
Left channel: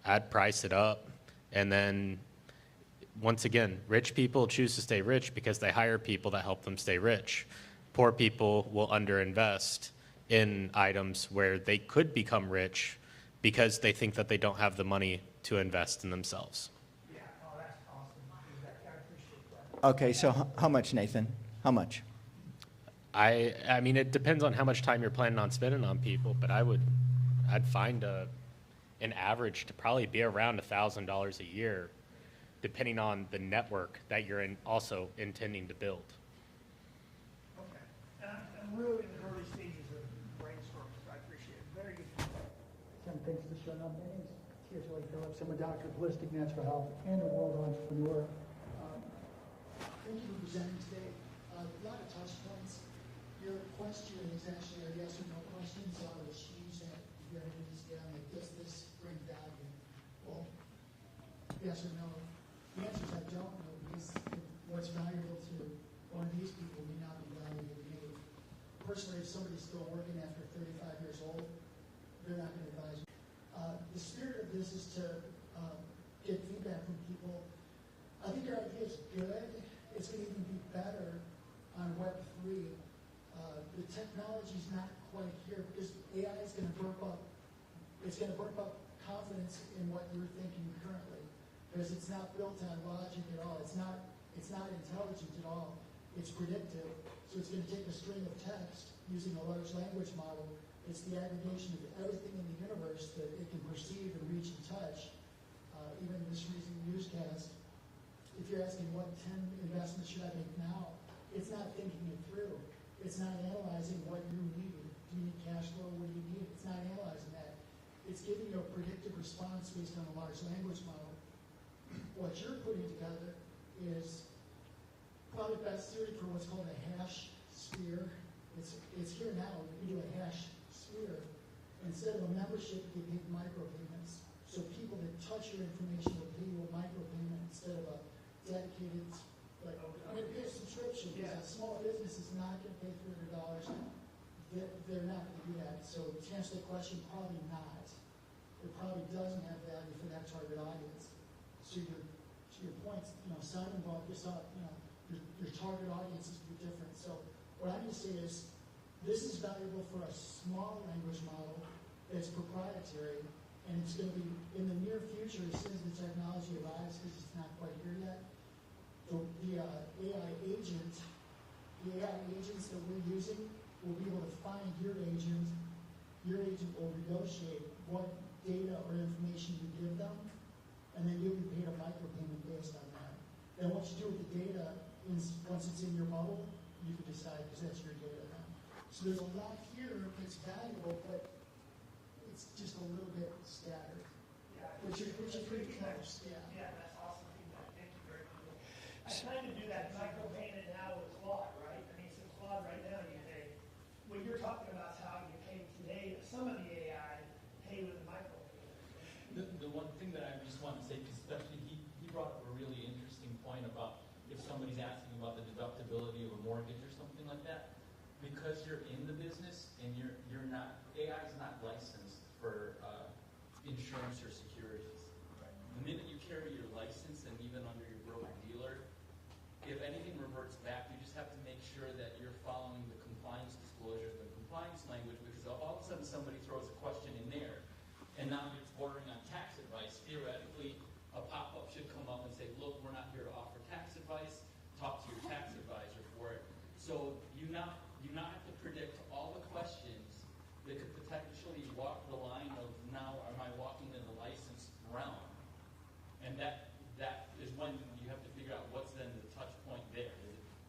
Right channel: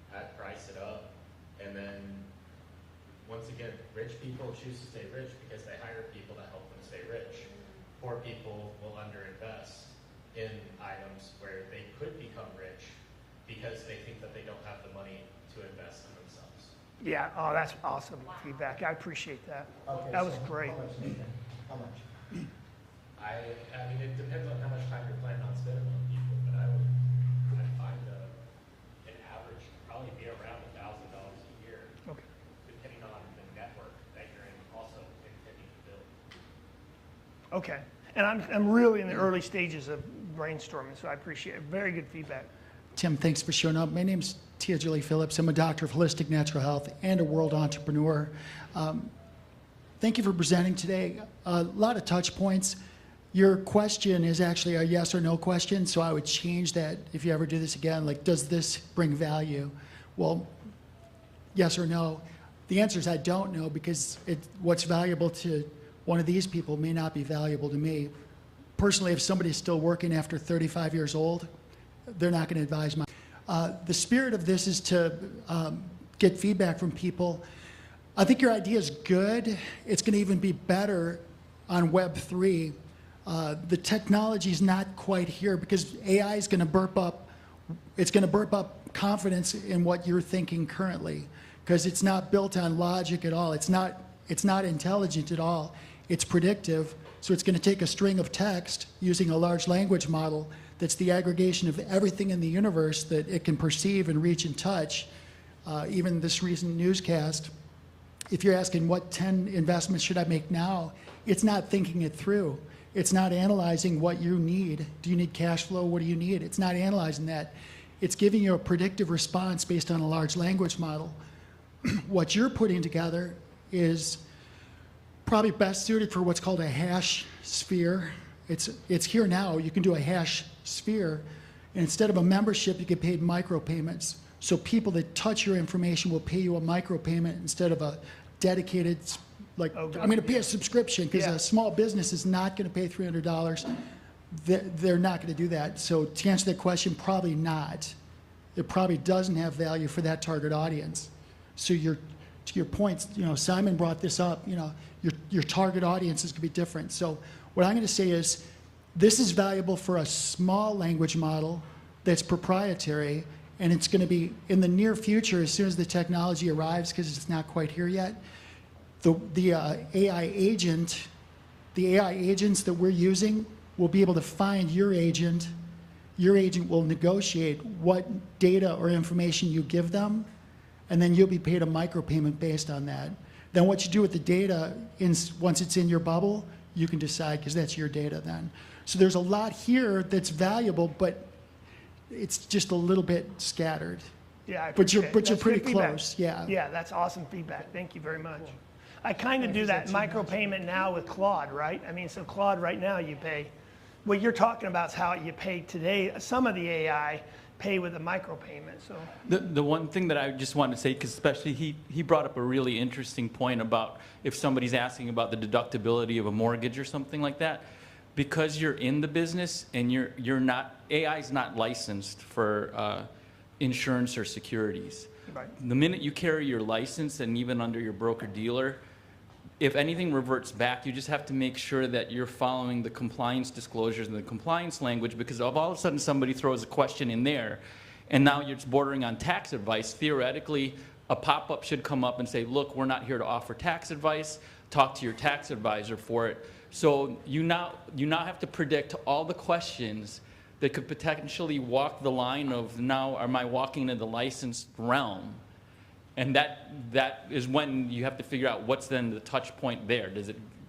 I'd price it up, and then once again, rich people choose to stay rich because they hire people that help them stay rich. Poor people will underinvest in items where they could become rich because they think that they don't have the money to invest in themselves. Yeah, oh, that's awesome feedback. I appreciate that. Okay, That so was great. how much, Nathan? How much? I mean, it depends on how much time you're planning on spending on people, but I'd find an average to probably be around $1,000 a year, Okay. depending on the network that you're also intending to build. Okay, and I'm really in the early stages of brainstorming, so I appreciate it. Very good feedback. Tim, thanks for showing up. My name's Tia Julie Phillips. I'm a doctor of holistic natural health and a world entrepreneur. Thank you for presenting today. A lot of touch points. Your question is actually a yes or no question, so I would change that if you ever do this again. Like, does this bring value? Well, yes or no. The answer is I don't know, because what's valuable to one of these people may not be valuable to me. Personally, if somebody's still working after 35 years old, they're not going to advise my. The spirit of this is to get feedback from people. I think your idea is good. It's going to even be better on Web3. The technology is not quite here because AI is going to burp up. It's going to burp up confidence in what you're thinking currently, because it's not built on logic at all. It's not intelligent at all. It's predictive. So it's going to take a string of text using a large language model that's the aggregation of everything in the universe that it can perceive and reach and touch. Even this recent newscast, if you're asking what 10 investments should I make now, it's not thinking it through. It's not analyzing what you need. Do you need cash flow? What do you need? It's not analyzing that. It's giving you a predictive response based on a large language model. What you're putting together is probably best suited for what's called a hash sphere. It's here now. You can do a hash sphere, and instead of a membership, you get paid micropayments. So people that touch your information will pay you a micropayment instead of a dedicated, like, I'm going to pay a subscription, because a small business is not going to pay $300. They're not going to do that. So to answer that question, probably not. It probably doesn't have value for that target audience. So to your point, Simon brought this up, your target audience is going to be different. So what I'm going to say is, this is valuable for a small language model that's proprietary, and it's going to be in the near future, as soon as the technology arrives, because it's not quite here yet. The AI agents that we're using will be able to find your agent. Your agent will negotiate what data or information you give them, and then you'll be paid a micropayment based on that. Then what you do with the data, once it's in your bubble, you can decide, because that's your data then. So there's a lot here that's valuable, but it's just a little bit scattered. Yeah, I But you're appreciate it. That's pretty good feedback. close, yeah. Yeah, that's awesome feedback. Thank you very much. I kind of do that micropayment now with Claude, right? I mean, so Claude right now you pay, what you're talking about is how you pay today. Some of the AI pay with a micropayment, so. The one thing that I just wanted to say, because especially he brought up a really interesting point about if somebody's asking about the deductibility of a mortgage or something like that, because you're in the business and you're not, AI is not licensed for insurance or securities. Right. The minute you carry your license and even under your broker-dealer, if anything reverts back, you just have to make sure that you're following the compliance disclosures and the compliance language, because if all of a sudden somebody throws a question in there and now you're bordering on tax advice, theoretically a pop-up should come up and say, look, we're not here to offer tax advice, talk to your tax advisor for it. So you now have to predict all the questions that could potentially walk the line of, now am I walking into the licensed realm? And that is when you have to figure out what's then the touch point there.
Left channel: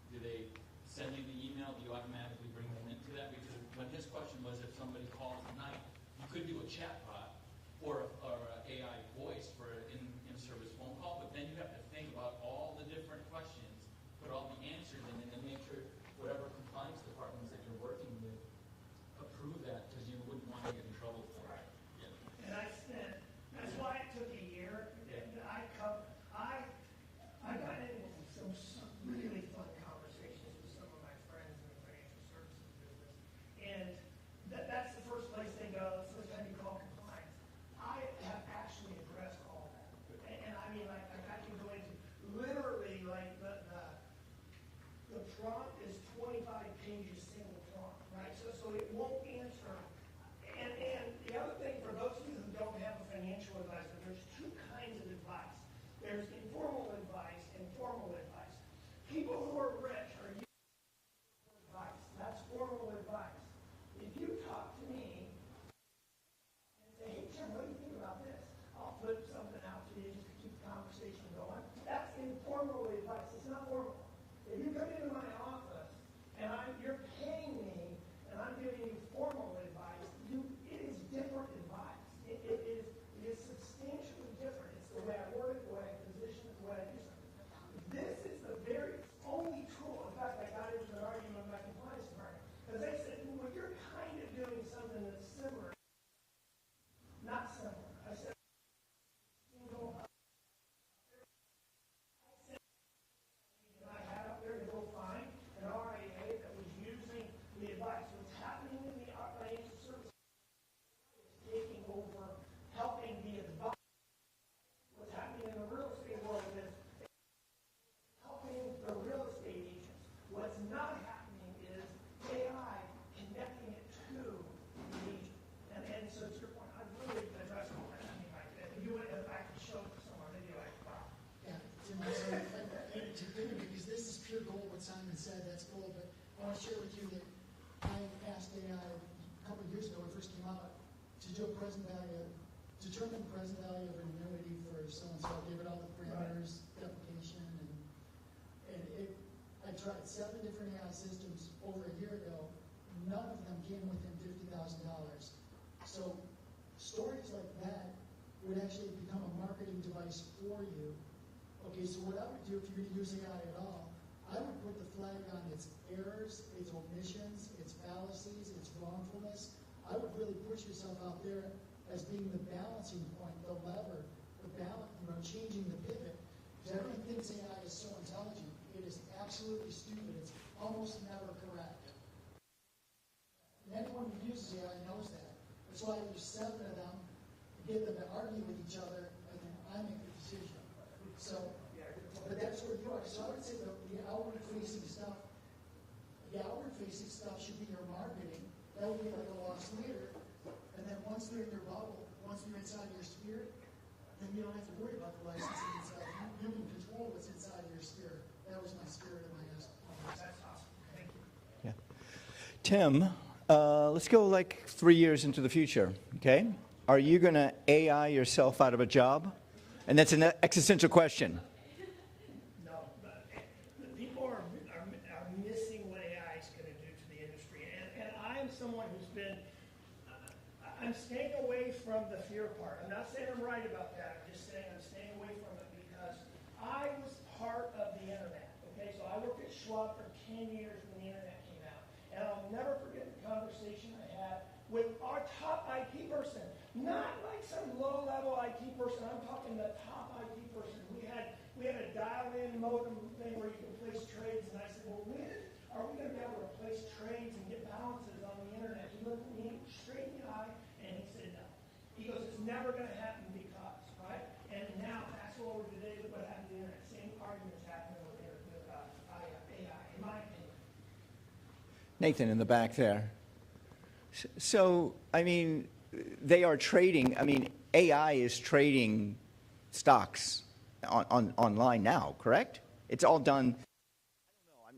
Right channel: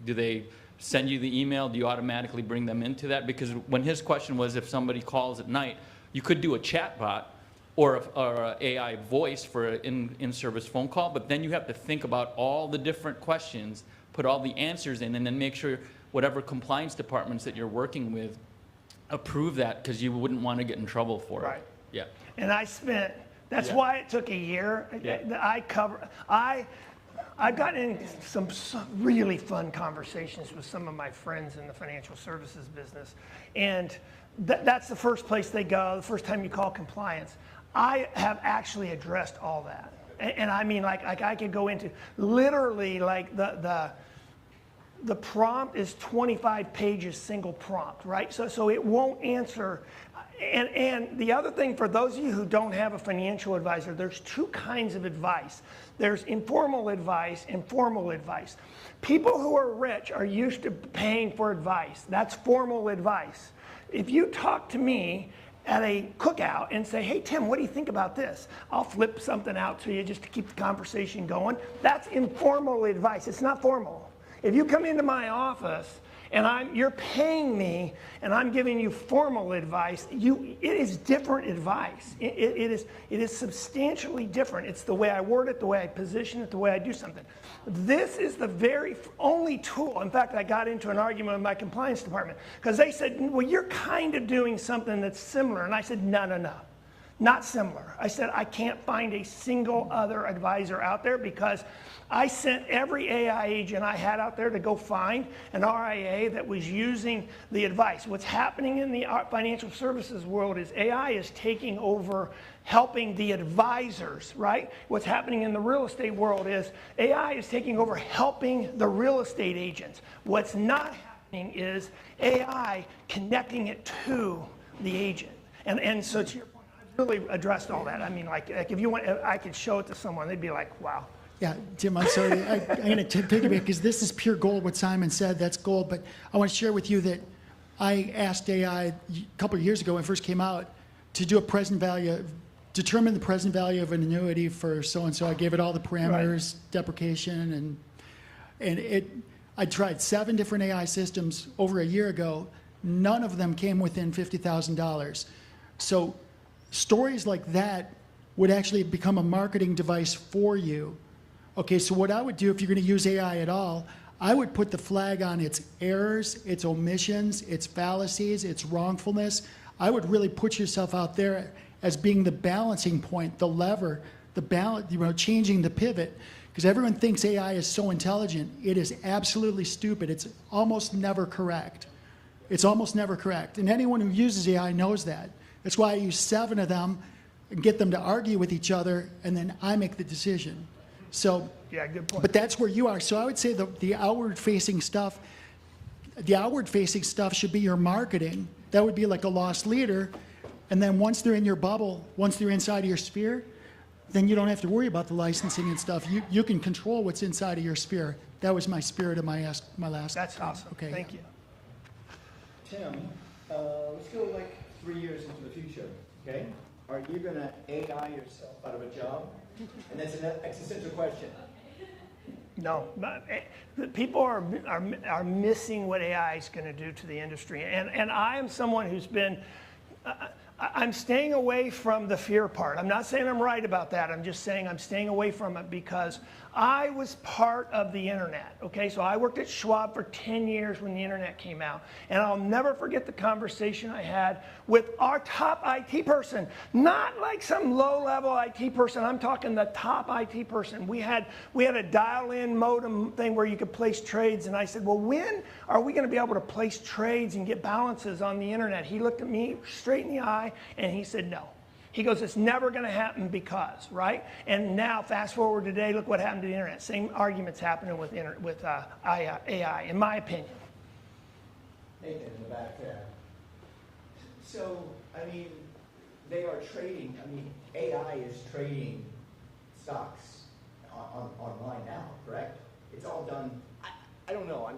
Do they send you the email? Do you automatically bring them into that? Because when his question was if somebody calls at night, you could do a chat bot or a AI voice for an in-service phone call, but then you have to think about all the different questions, put all the answers in, and then make sure whatever compliance departments that you're working with approve that, because you wouldn't want to get in trouble for it. Right. Yeah. And I spent, that's Yeah. why it took a year. Yeah. I've gotten in some really fun conversations with some of my friends in the financial services business. And that's the first place they go, the first time you call compliance. I have actually addressed all that. And I mean, like I could go into literally like the prompt is 25 pages, single prompt, right? So it won't answer. And the other thing, for those of you who don't have a financial advisor, there's two kinds of advice. There's informal advice and formal advice. People who are rich are used to paying for advice. That's formal advice. If you talk to me at a cookout and say, hey, Tim, what do you think about this? I'll flip something out to you just to keep the conversation going. That's informal advice. It's not formal. If you come into my office and you're paying me and I'm giving you formal advice, it is different advice. It is substantially different. It's the way I word it, the way I position it, the way I do something. This is the very only tool. In fact, I got into an argument with my compliance department because they said, well, you're kind of doing something that's similar. And I said, no, not similar. I said, I can't find a single other advisor out there, because I sent every AI agent I had out there to go find an RIA that was using the advice. What's happening in the financial services world is AI is taking over helping the advisors, right? What's happening in the real estate world is AI is taking over helping the real estate agents. What's not happening is AI connecting it to the agent. And so to your point, I've really addressed all that. I mean, like if you want, I could show it to someone, they'd be like, wow. Yeah, Tim, I'm sorry. I'm going to piggyback because this is pure gold. What Simon said, that's gold. But I want to share with you that I asked AI a couple of years ago when it first came out to do a present value, determine the present value of an annuity for so-and-so. I gave it all the parameters, deprecation, and I tried 7 different AI systems over a year ago. None of them came within $50,000. So stories like that would actually become a marketing device for you. Okay, so what I would do if you're going to use AI at all, I would put the flag on its errors, its omissions, its fallacies, its wrongfulness. I would really put yourself out there as being the balancing point, the lever, the balance, changing the pivot. Because everyone thinks AI is so intelligent. It is absolutely stupid. It's almost never correct. It's almost never correct. And anyone who uses AI knows that. That's why I use 7 of them and get them to argue with each other, and then I make the decision. So, yeah, good point. But that's where you are. So I would say the outward-facing stuff should be your marketing. That would be like a lost leader. And then once they're in your bubble, once they're inside of your sphere, then you don't have to worry about the licensing and stuff. You can control what's inside of your sphere. That was my spirit of my last. That's awesome. Okay. Thank you. Yeah. Tim, let's go like 3 years into the future, okay? Are you going to AI yourself out of a job? And that's an existential question. No, but, the people are missing what AI is going to do to the industry. And I am someone who's been, I'm staying away from the fear part. I'm not saying I'm right about that. I'm just saying I'm staying away from it because I was part of the internet, okay? So I worked at Schwab for 10 years when the internet came out. And I'll never forget the conversation I had with our top IT person, not like some low-level IT person. I'm talking the top IT person. We had a dial-in modem thing where you could place trades. And I said, well, when are we going to be able to place trades and get balances on the internet? He looked at me straight in the eye and he said, no. He goes, it's never going to happen because, right? And now, fast forward today, look what happened to the internet. Same arguments happening with AI, in my opinion. Nathan in the back there. So, I mean, they are trading, I mean, AI is trading stocks online now, correct? It's all done. I don't know.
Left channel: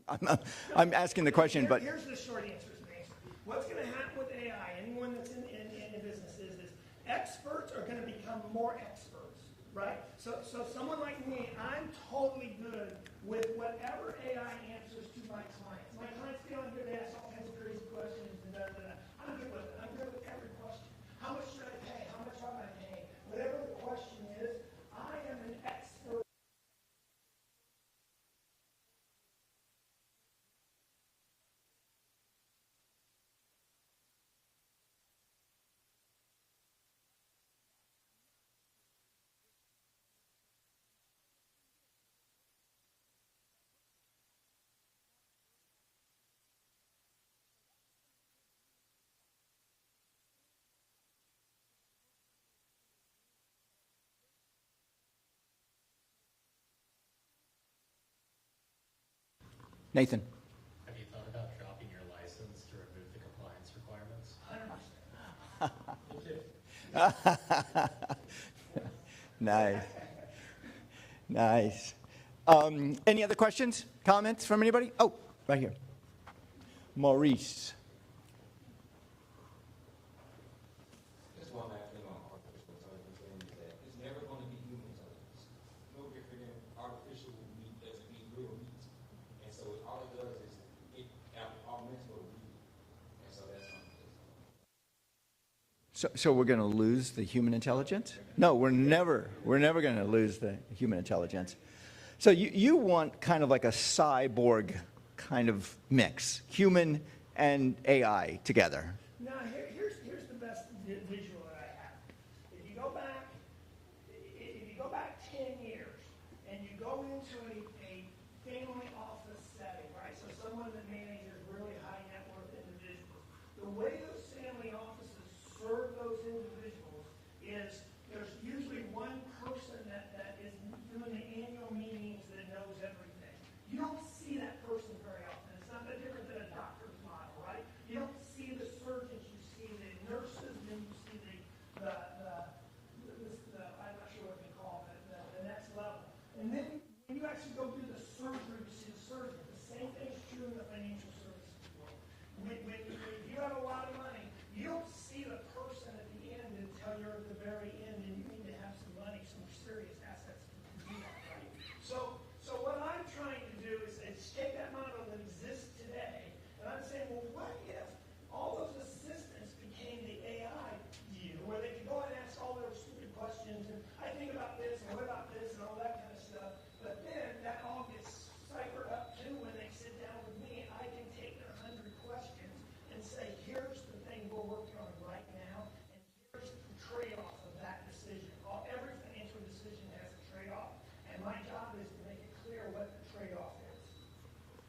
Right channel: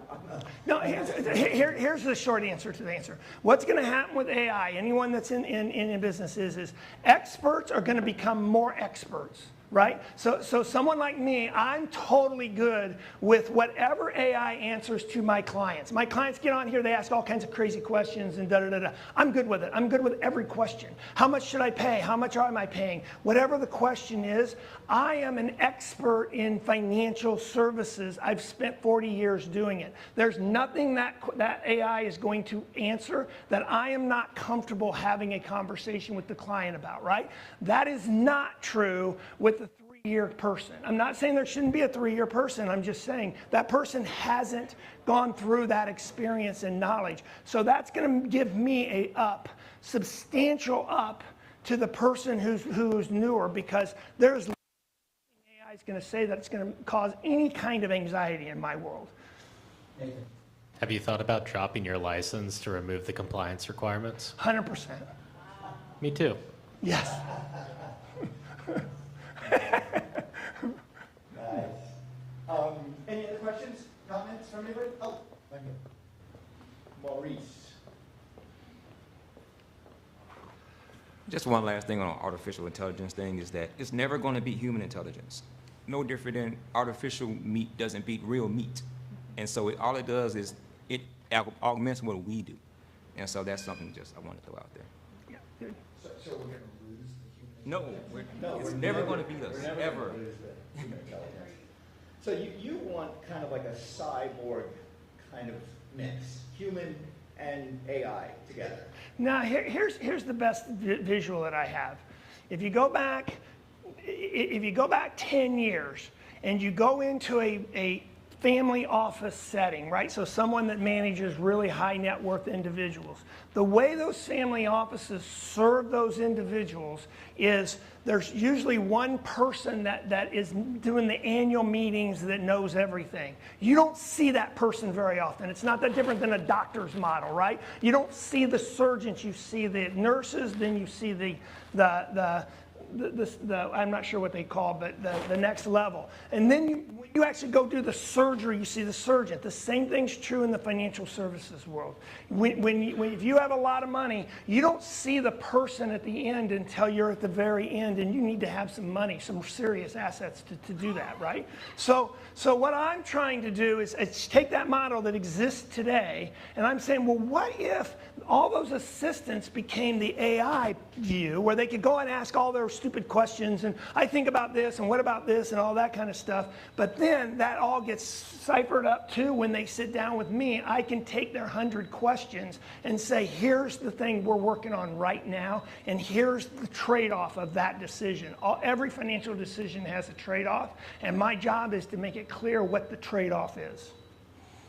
I'm asking the question. Here's the short answer to the answer. What's going to happen with AI, anyone that's in business is experts are going to become more experts, right? So someone like me, I'm totally good with whatever AI answers to my clients. My clients get on here, they ask all kinds of crazy questions and da-da-da-da. I'm good with it. I'm good with every question. How much should I pay? How much am I paying? Whatever the question is, I am an expert in financial services. I've spent 40 years doing it. There's nothing that AI is going to answer that I am not comfortable having a conversation with the client about, right? That is not true with the 3-year person. I'm not saying there shouldn't be a 3-year person. I'm just saying that person hasn't gone through that experience and knowledge. So that's going to give me a substantial up to the person who's newer, because there's AI is going to say that it's going to cause any kind of anxiety in my world. Nathan. Have you thought about dropping your license to remove the compliance requirements? 100%. Me too. Yes. Nice. Nice. Any other questions, comments from anybody? Oh, right here. Maurice. Just one last thing on artificial intelligence thing is that it's never going to beat human intelligence. No different than artificial meat doesn't beat real meat. And so all it does is it augments what we do. And so that's something just I want to throw out there. Yeah, good. So we're going to lose the human intelligence? No, We're never going to lose the human intelligence. So you want kind of like a cyborg kind of mix, human and AI together. Now, here's the best visual that I have. If you go back 10 years and you go into a family office setting, right? So someone that manages really high net worth individuals. The way those family offices serve those individuals is there's usually one person that is doing the annual meetings that knows everything. You don't see that person very often. It's not that different than a doctor's model, right? You don't see the surgeons, you see the nurses, then you see the I'm not sure what they call, but the next level. And then when you actually go do the surgery, you see the surgeon. The same thing's true in the financial services world. If you have a lot of money, you don't see the person at the end until you're at the very end, and you need to have some money, some serious assets to do that, right? So what I'm trying to do is take that model that exists today, and I'm saying, well, what if all those assistants became the AI view, where they could go and ask all their stupid questions, and I think about this, and what about this, and all that kind of stuff. But then that all gets ciphered up too when they sit down with me. I can take their 100 questions and say, here's the thing we're working on right now, and here's the trade-off of that decision. Every financial decision has a trade-off, and my job is to make it clear what the trade-off is.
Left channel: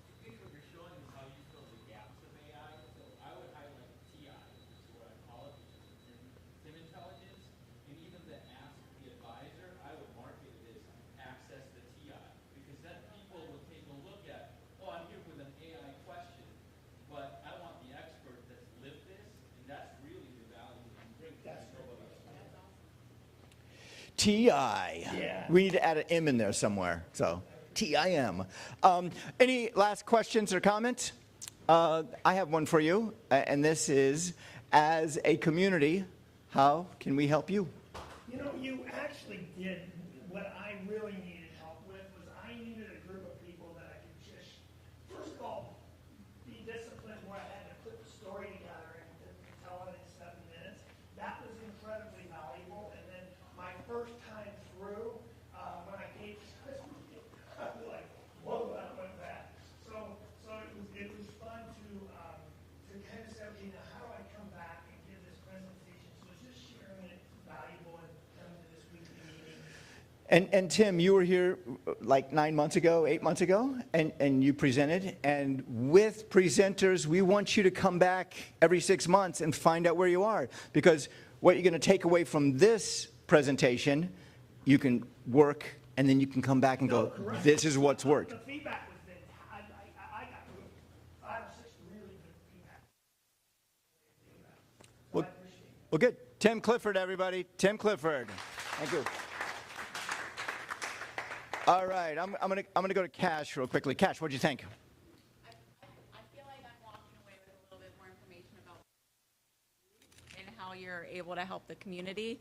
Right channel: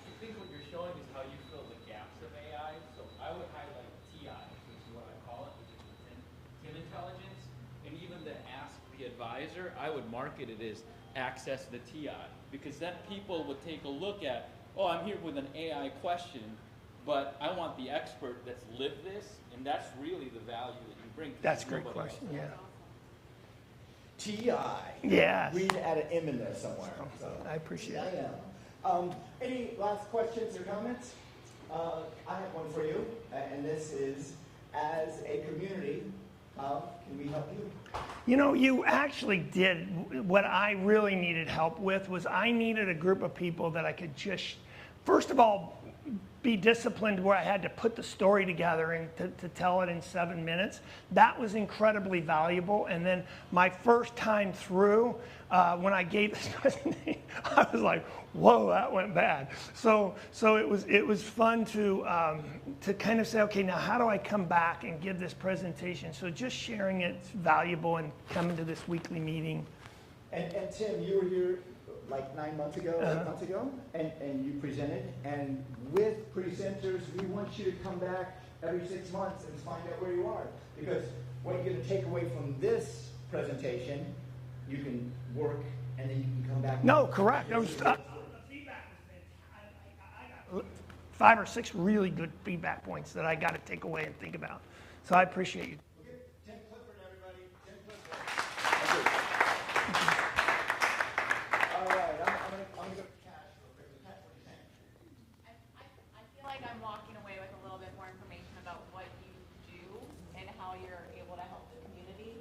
I think what you're showing is how you fill the gaps of AI. So I would highlight TI, which is what I call it, which is the Tim intelligence. And even to ask the advisor, I would market it as access the TI, because then people would take a look at, oh, I'm here with an AI question, but I want the expert that's lived this, and that's really the value that you bring. That's a great question, yeah. TI. Yeah. We'd add an M in there somewhere. So TIM. Any last questions or comments? I have one for you, and this is, as a community, how can we help you? You know, you actually did. What I really needed help with was I needed a group of people that I could just, first of all, be disciplined where I had to put the story together and to tell it in 7 minutes. That was incredibly valuable. And then my first time through, when I gave this presentation, I was like, whoa, that went bad. So it was fun to kind of say, okay, now how do I come back and give this presentation? So just sharing it's valuable and coming to this weekly meeting. And Tim, you were here like 9 months ago, 8 months ago, and you presented. And with presenters, we want you to come back every 6 months and find out where you are. Because what you're going to take away from this presentation, you can work, and then you can come back and go, correct. this is what's worked. The feedback was I got 5 or 6 really good feedback points that I got to take away and think about. So I appreciate you. Well, good. Tim Clifford, everybody. Tim Clifford. All right, I'm gonna go to Cash real quickly. Cash, what'd you think? I feel like I'm walking away with a little bit more information about what you do and how you're able to help the community.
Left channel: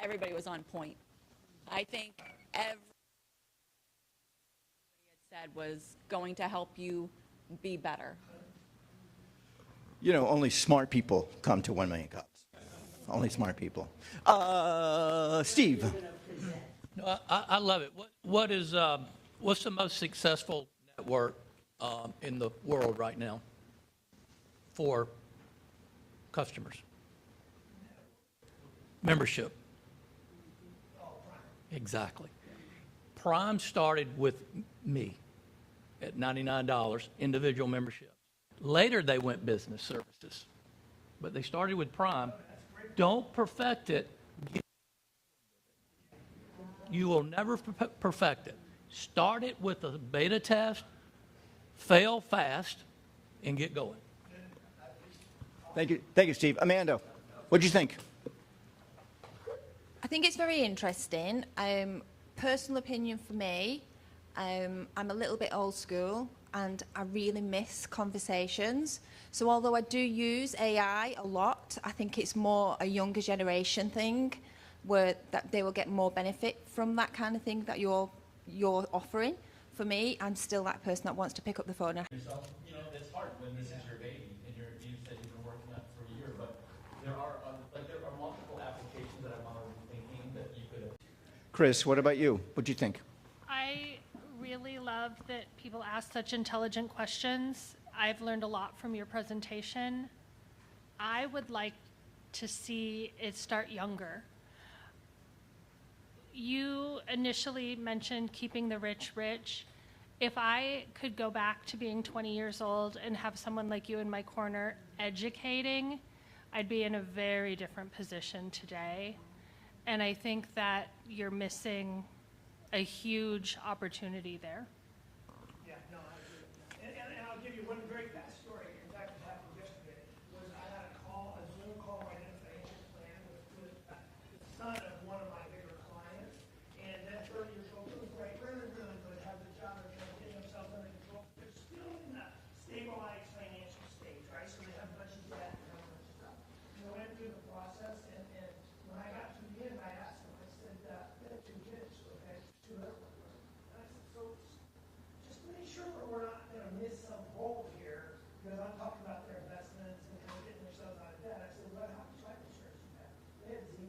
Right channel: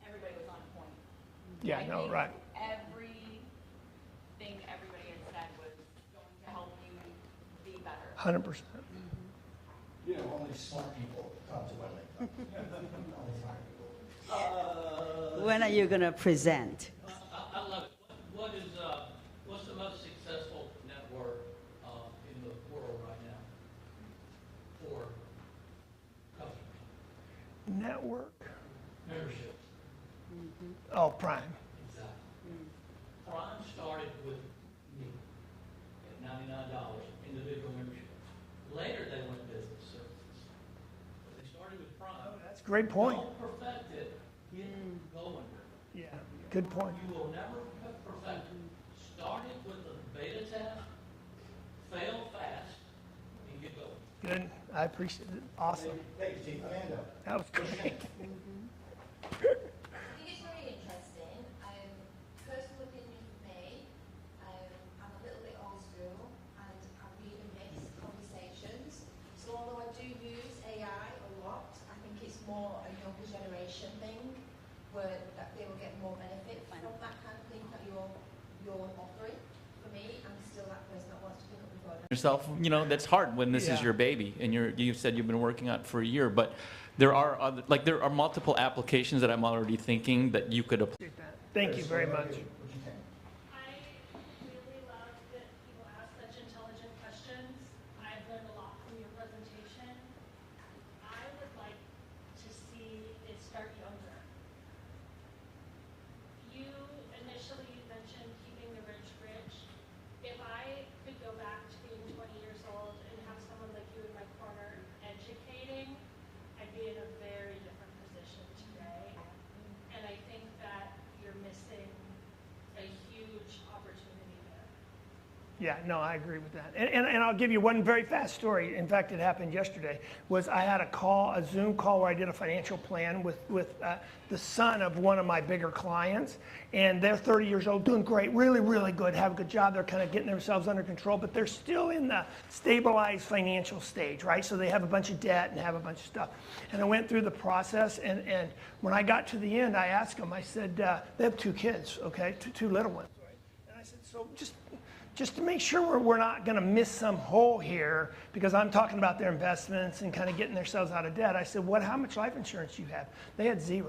Everybody was on point. Yeah, I no, think right. everything everybody had said was going to help you be better. 100%. You know, only smart people come to One Million Cups. Only smart people. When are Steve. you going to present? No, I love it. What's the most successful network in the world right now for customers? Network. Membership. Oh, Prime. Exactly. Prime started with me at $99, individual membership. Later, they went business services, but they started with Prime. That's a great point. Don't perfect it. Get going. Yeah, good point. You will never perfect it. Start it with a beta test, fail fast, and get going. Good. I appreciate it. Awesome. Thank you, Steve. Amanda, what'd you think? I think it's very interesting. Personal opinion for me, I'm a little bit old school and I really miss conversations. So although I do use AI a lot, I think it's more a younger generation thing where that they will get more benefit from that kind of thing that you're offering. For me, I'm still that person that wants to pick up the phone and Yourself, you know, that's hard when this is your baby and you said you've been working on it for a year, but there are multiple applications that I'm already thinking that you could apply. Chris, what about you? What'd you think? I really love that people ask such intelligent questions. I've learned a lot from your presentation. I would like to see it start younger. You initially mentioned keeping the rich rich. If I could go back to being 20 years old and have someone like you in my corner educating, I'd be in a very different position today. And I think that you're missing a huge opportunity there. Yeah, no, I agree with that. And I'll give you one very fast story. In fact, it happened yesterday. I had a Zoom call where I did a financial plan with the son of one of my bigger clients. And they're 30 years old, doing great, really, really good, have a good job. They're kind of getting themselves under control, but they're still in the stabilized financial stage, right? So they have a bunch of debt and have a bunch of stuff. And I went through the process, and when I got to the end, I asked them, I said, they have 2 kids, okay, two little ones. And I said, so just to make sure we're not going to miss some hole here, because I'm talking about their investments and kind of getting themselves out of debt. I said, how much life insurance do you have? They had 0.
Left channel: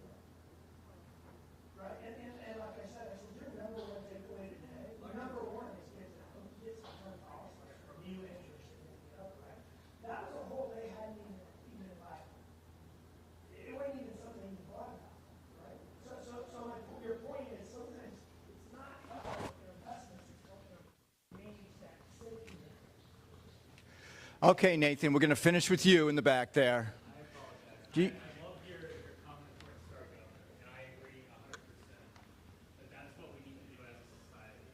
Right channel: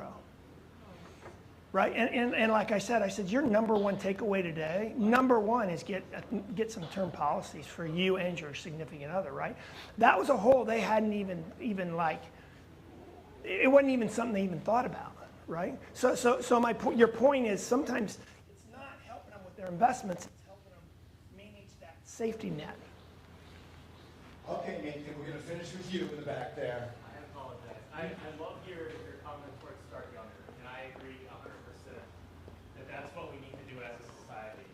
Right? And like I said, your number one takeaway today, number one is get some term policies for you and your significant other, right? That was a hole they hadn't even like, it wasn't even something they even thought about, right? So your point is sometimes it's not helping with their investments, it's helping them manage that safety net. Okay, Nathan, we're going to finish with you in the back there. I love your comment towards start younger, and I agree 100% that that's what we need to do as a society.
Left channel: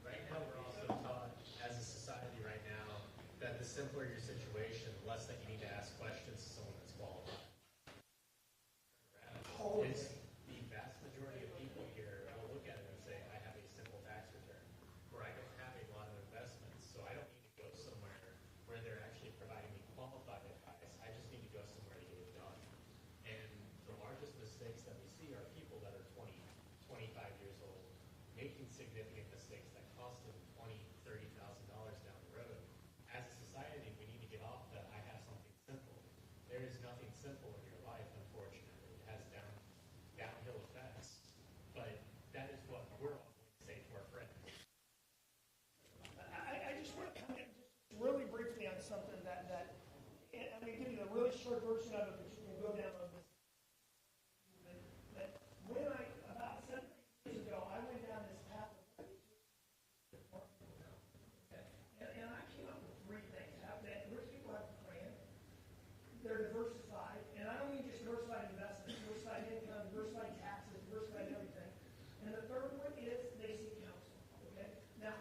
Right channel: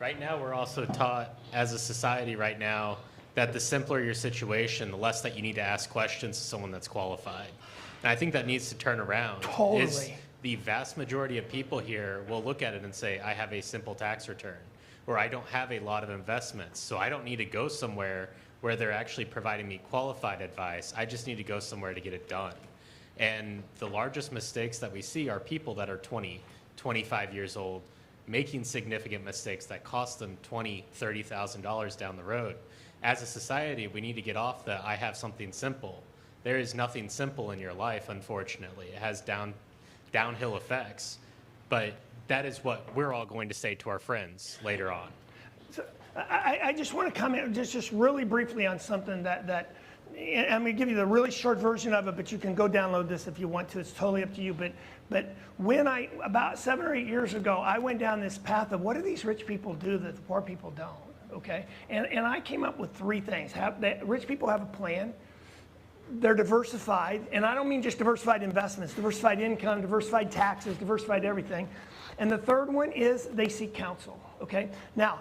Right now, we're also taught as a society right now that the simpler your situation, the less that you need to ask questions to someone that's qualified. And I think that needs to turn around. Totally. The vast majority of people here will look at it and say, I have a simple tax return, or I don't have a lot of investments, so I don't need to go somewhere where they're actually providing me qualified advice. I just need to go somewhere to get it done. And the largest mistakes that we see are people that are 20, 25 years old making significant mistakes that cost them $20,000, $30,000 down the road. As a society, we need to get off the I have something simple. There is nothing simple in your life, unfortunately. It has downhill effects. But that is what we're all going to say to our friends later on. So I just want to comment just really briefly on something that I'm going to give you the really short version of it, but you can go download this if you want to. It's totally up to you. But when about 7 or 8 years ago, I went down this path of what do these rich people do that the poor people don't, okay? And I came up with 3 things. Rich people have a plan. They're diversified, and I don't mean just diversified investments, diversified income, diversified taxes, diversified everything. And the third one is they seek counsel, okay? Now,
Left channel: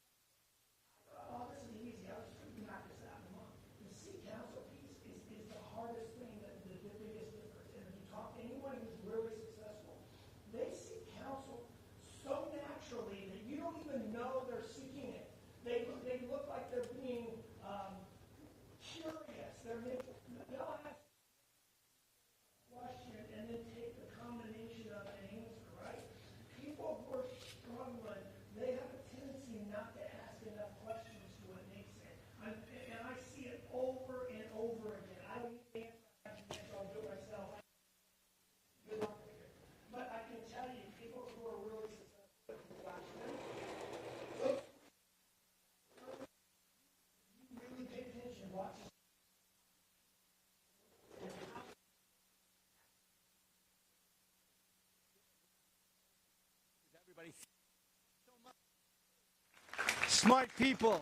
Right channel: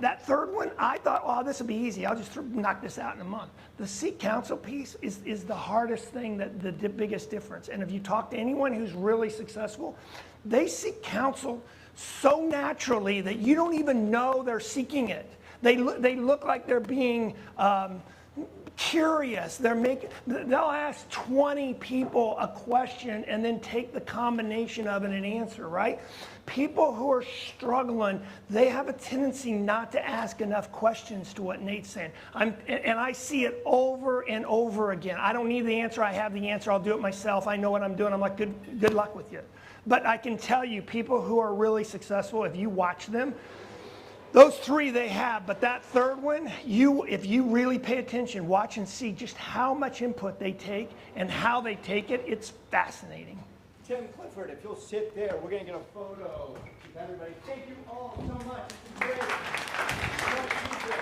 that third one, I thought, oh, this will be easy. I'll just knock this out in a month. The seek counsel piece is the hardest thing, the biggest difference. And if you talk to anyone who's really successful, they seek counsel so naturally that you don't even know they're seeking it. They look like they're being curious. They'll ask 20 people a question and then take the combination of it and answer, right? People who are struggling, they have a tendency not to ask enough questions to what Nate's saying. And I see it over and over again. I don't need the answer. I have the answer. I'll do it myself. I know what I'm doing. I'm like, good luck with you. But I can tell you, people who are really successful, if you watch them, those 3 they have, but that third one, if you really pay attention, watch and see just how much input they take and how they take it, it's fascinating. Tim Clifford, if you'll sit there, we're going to get a photo with everybody. Thank you all so much. It's been great. Smart people.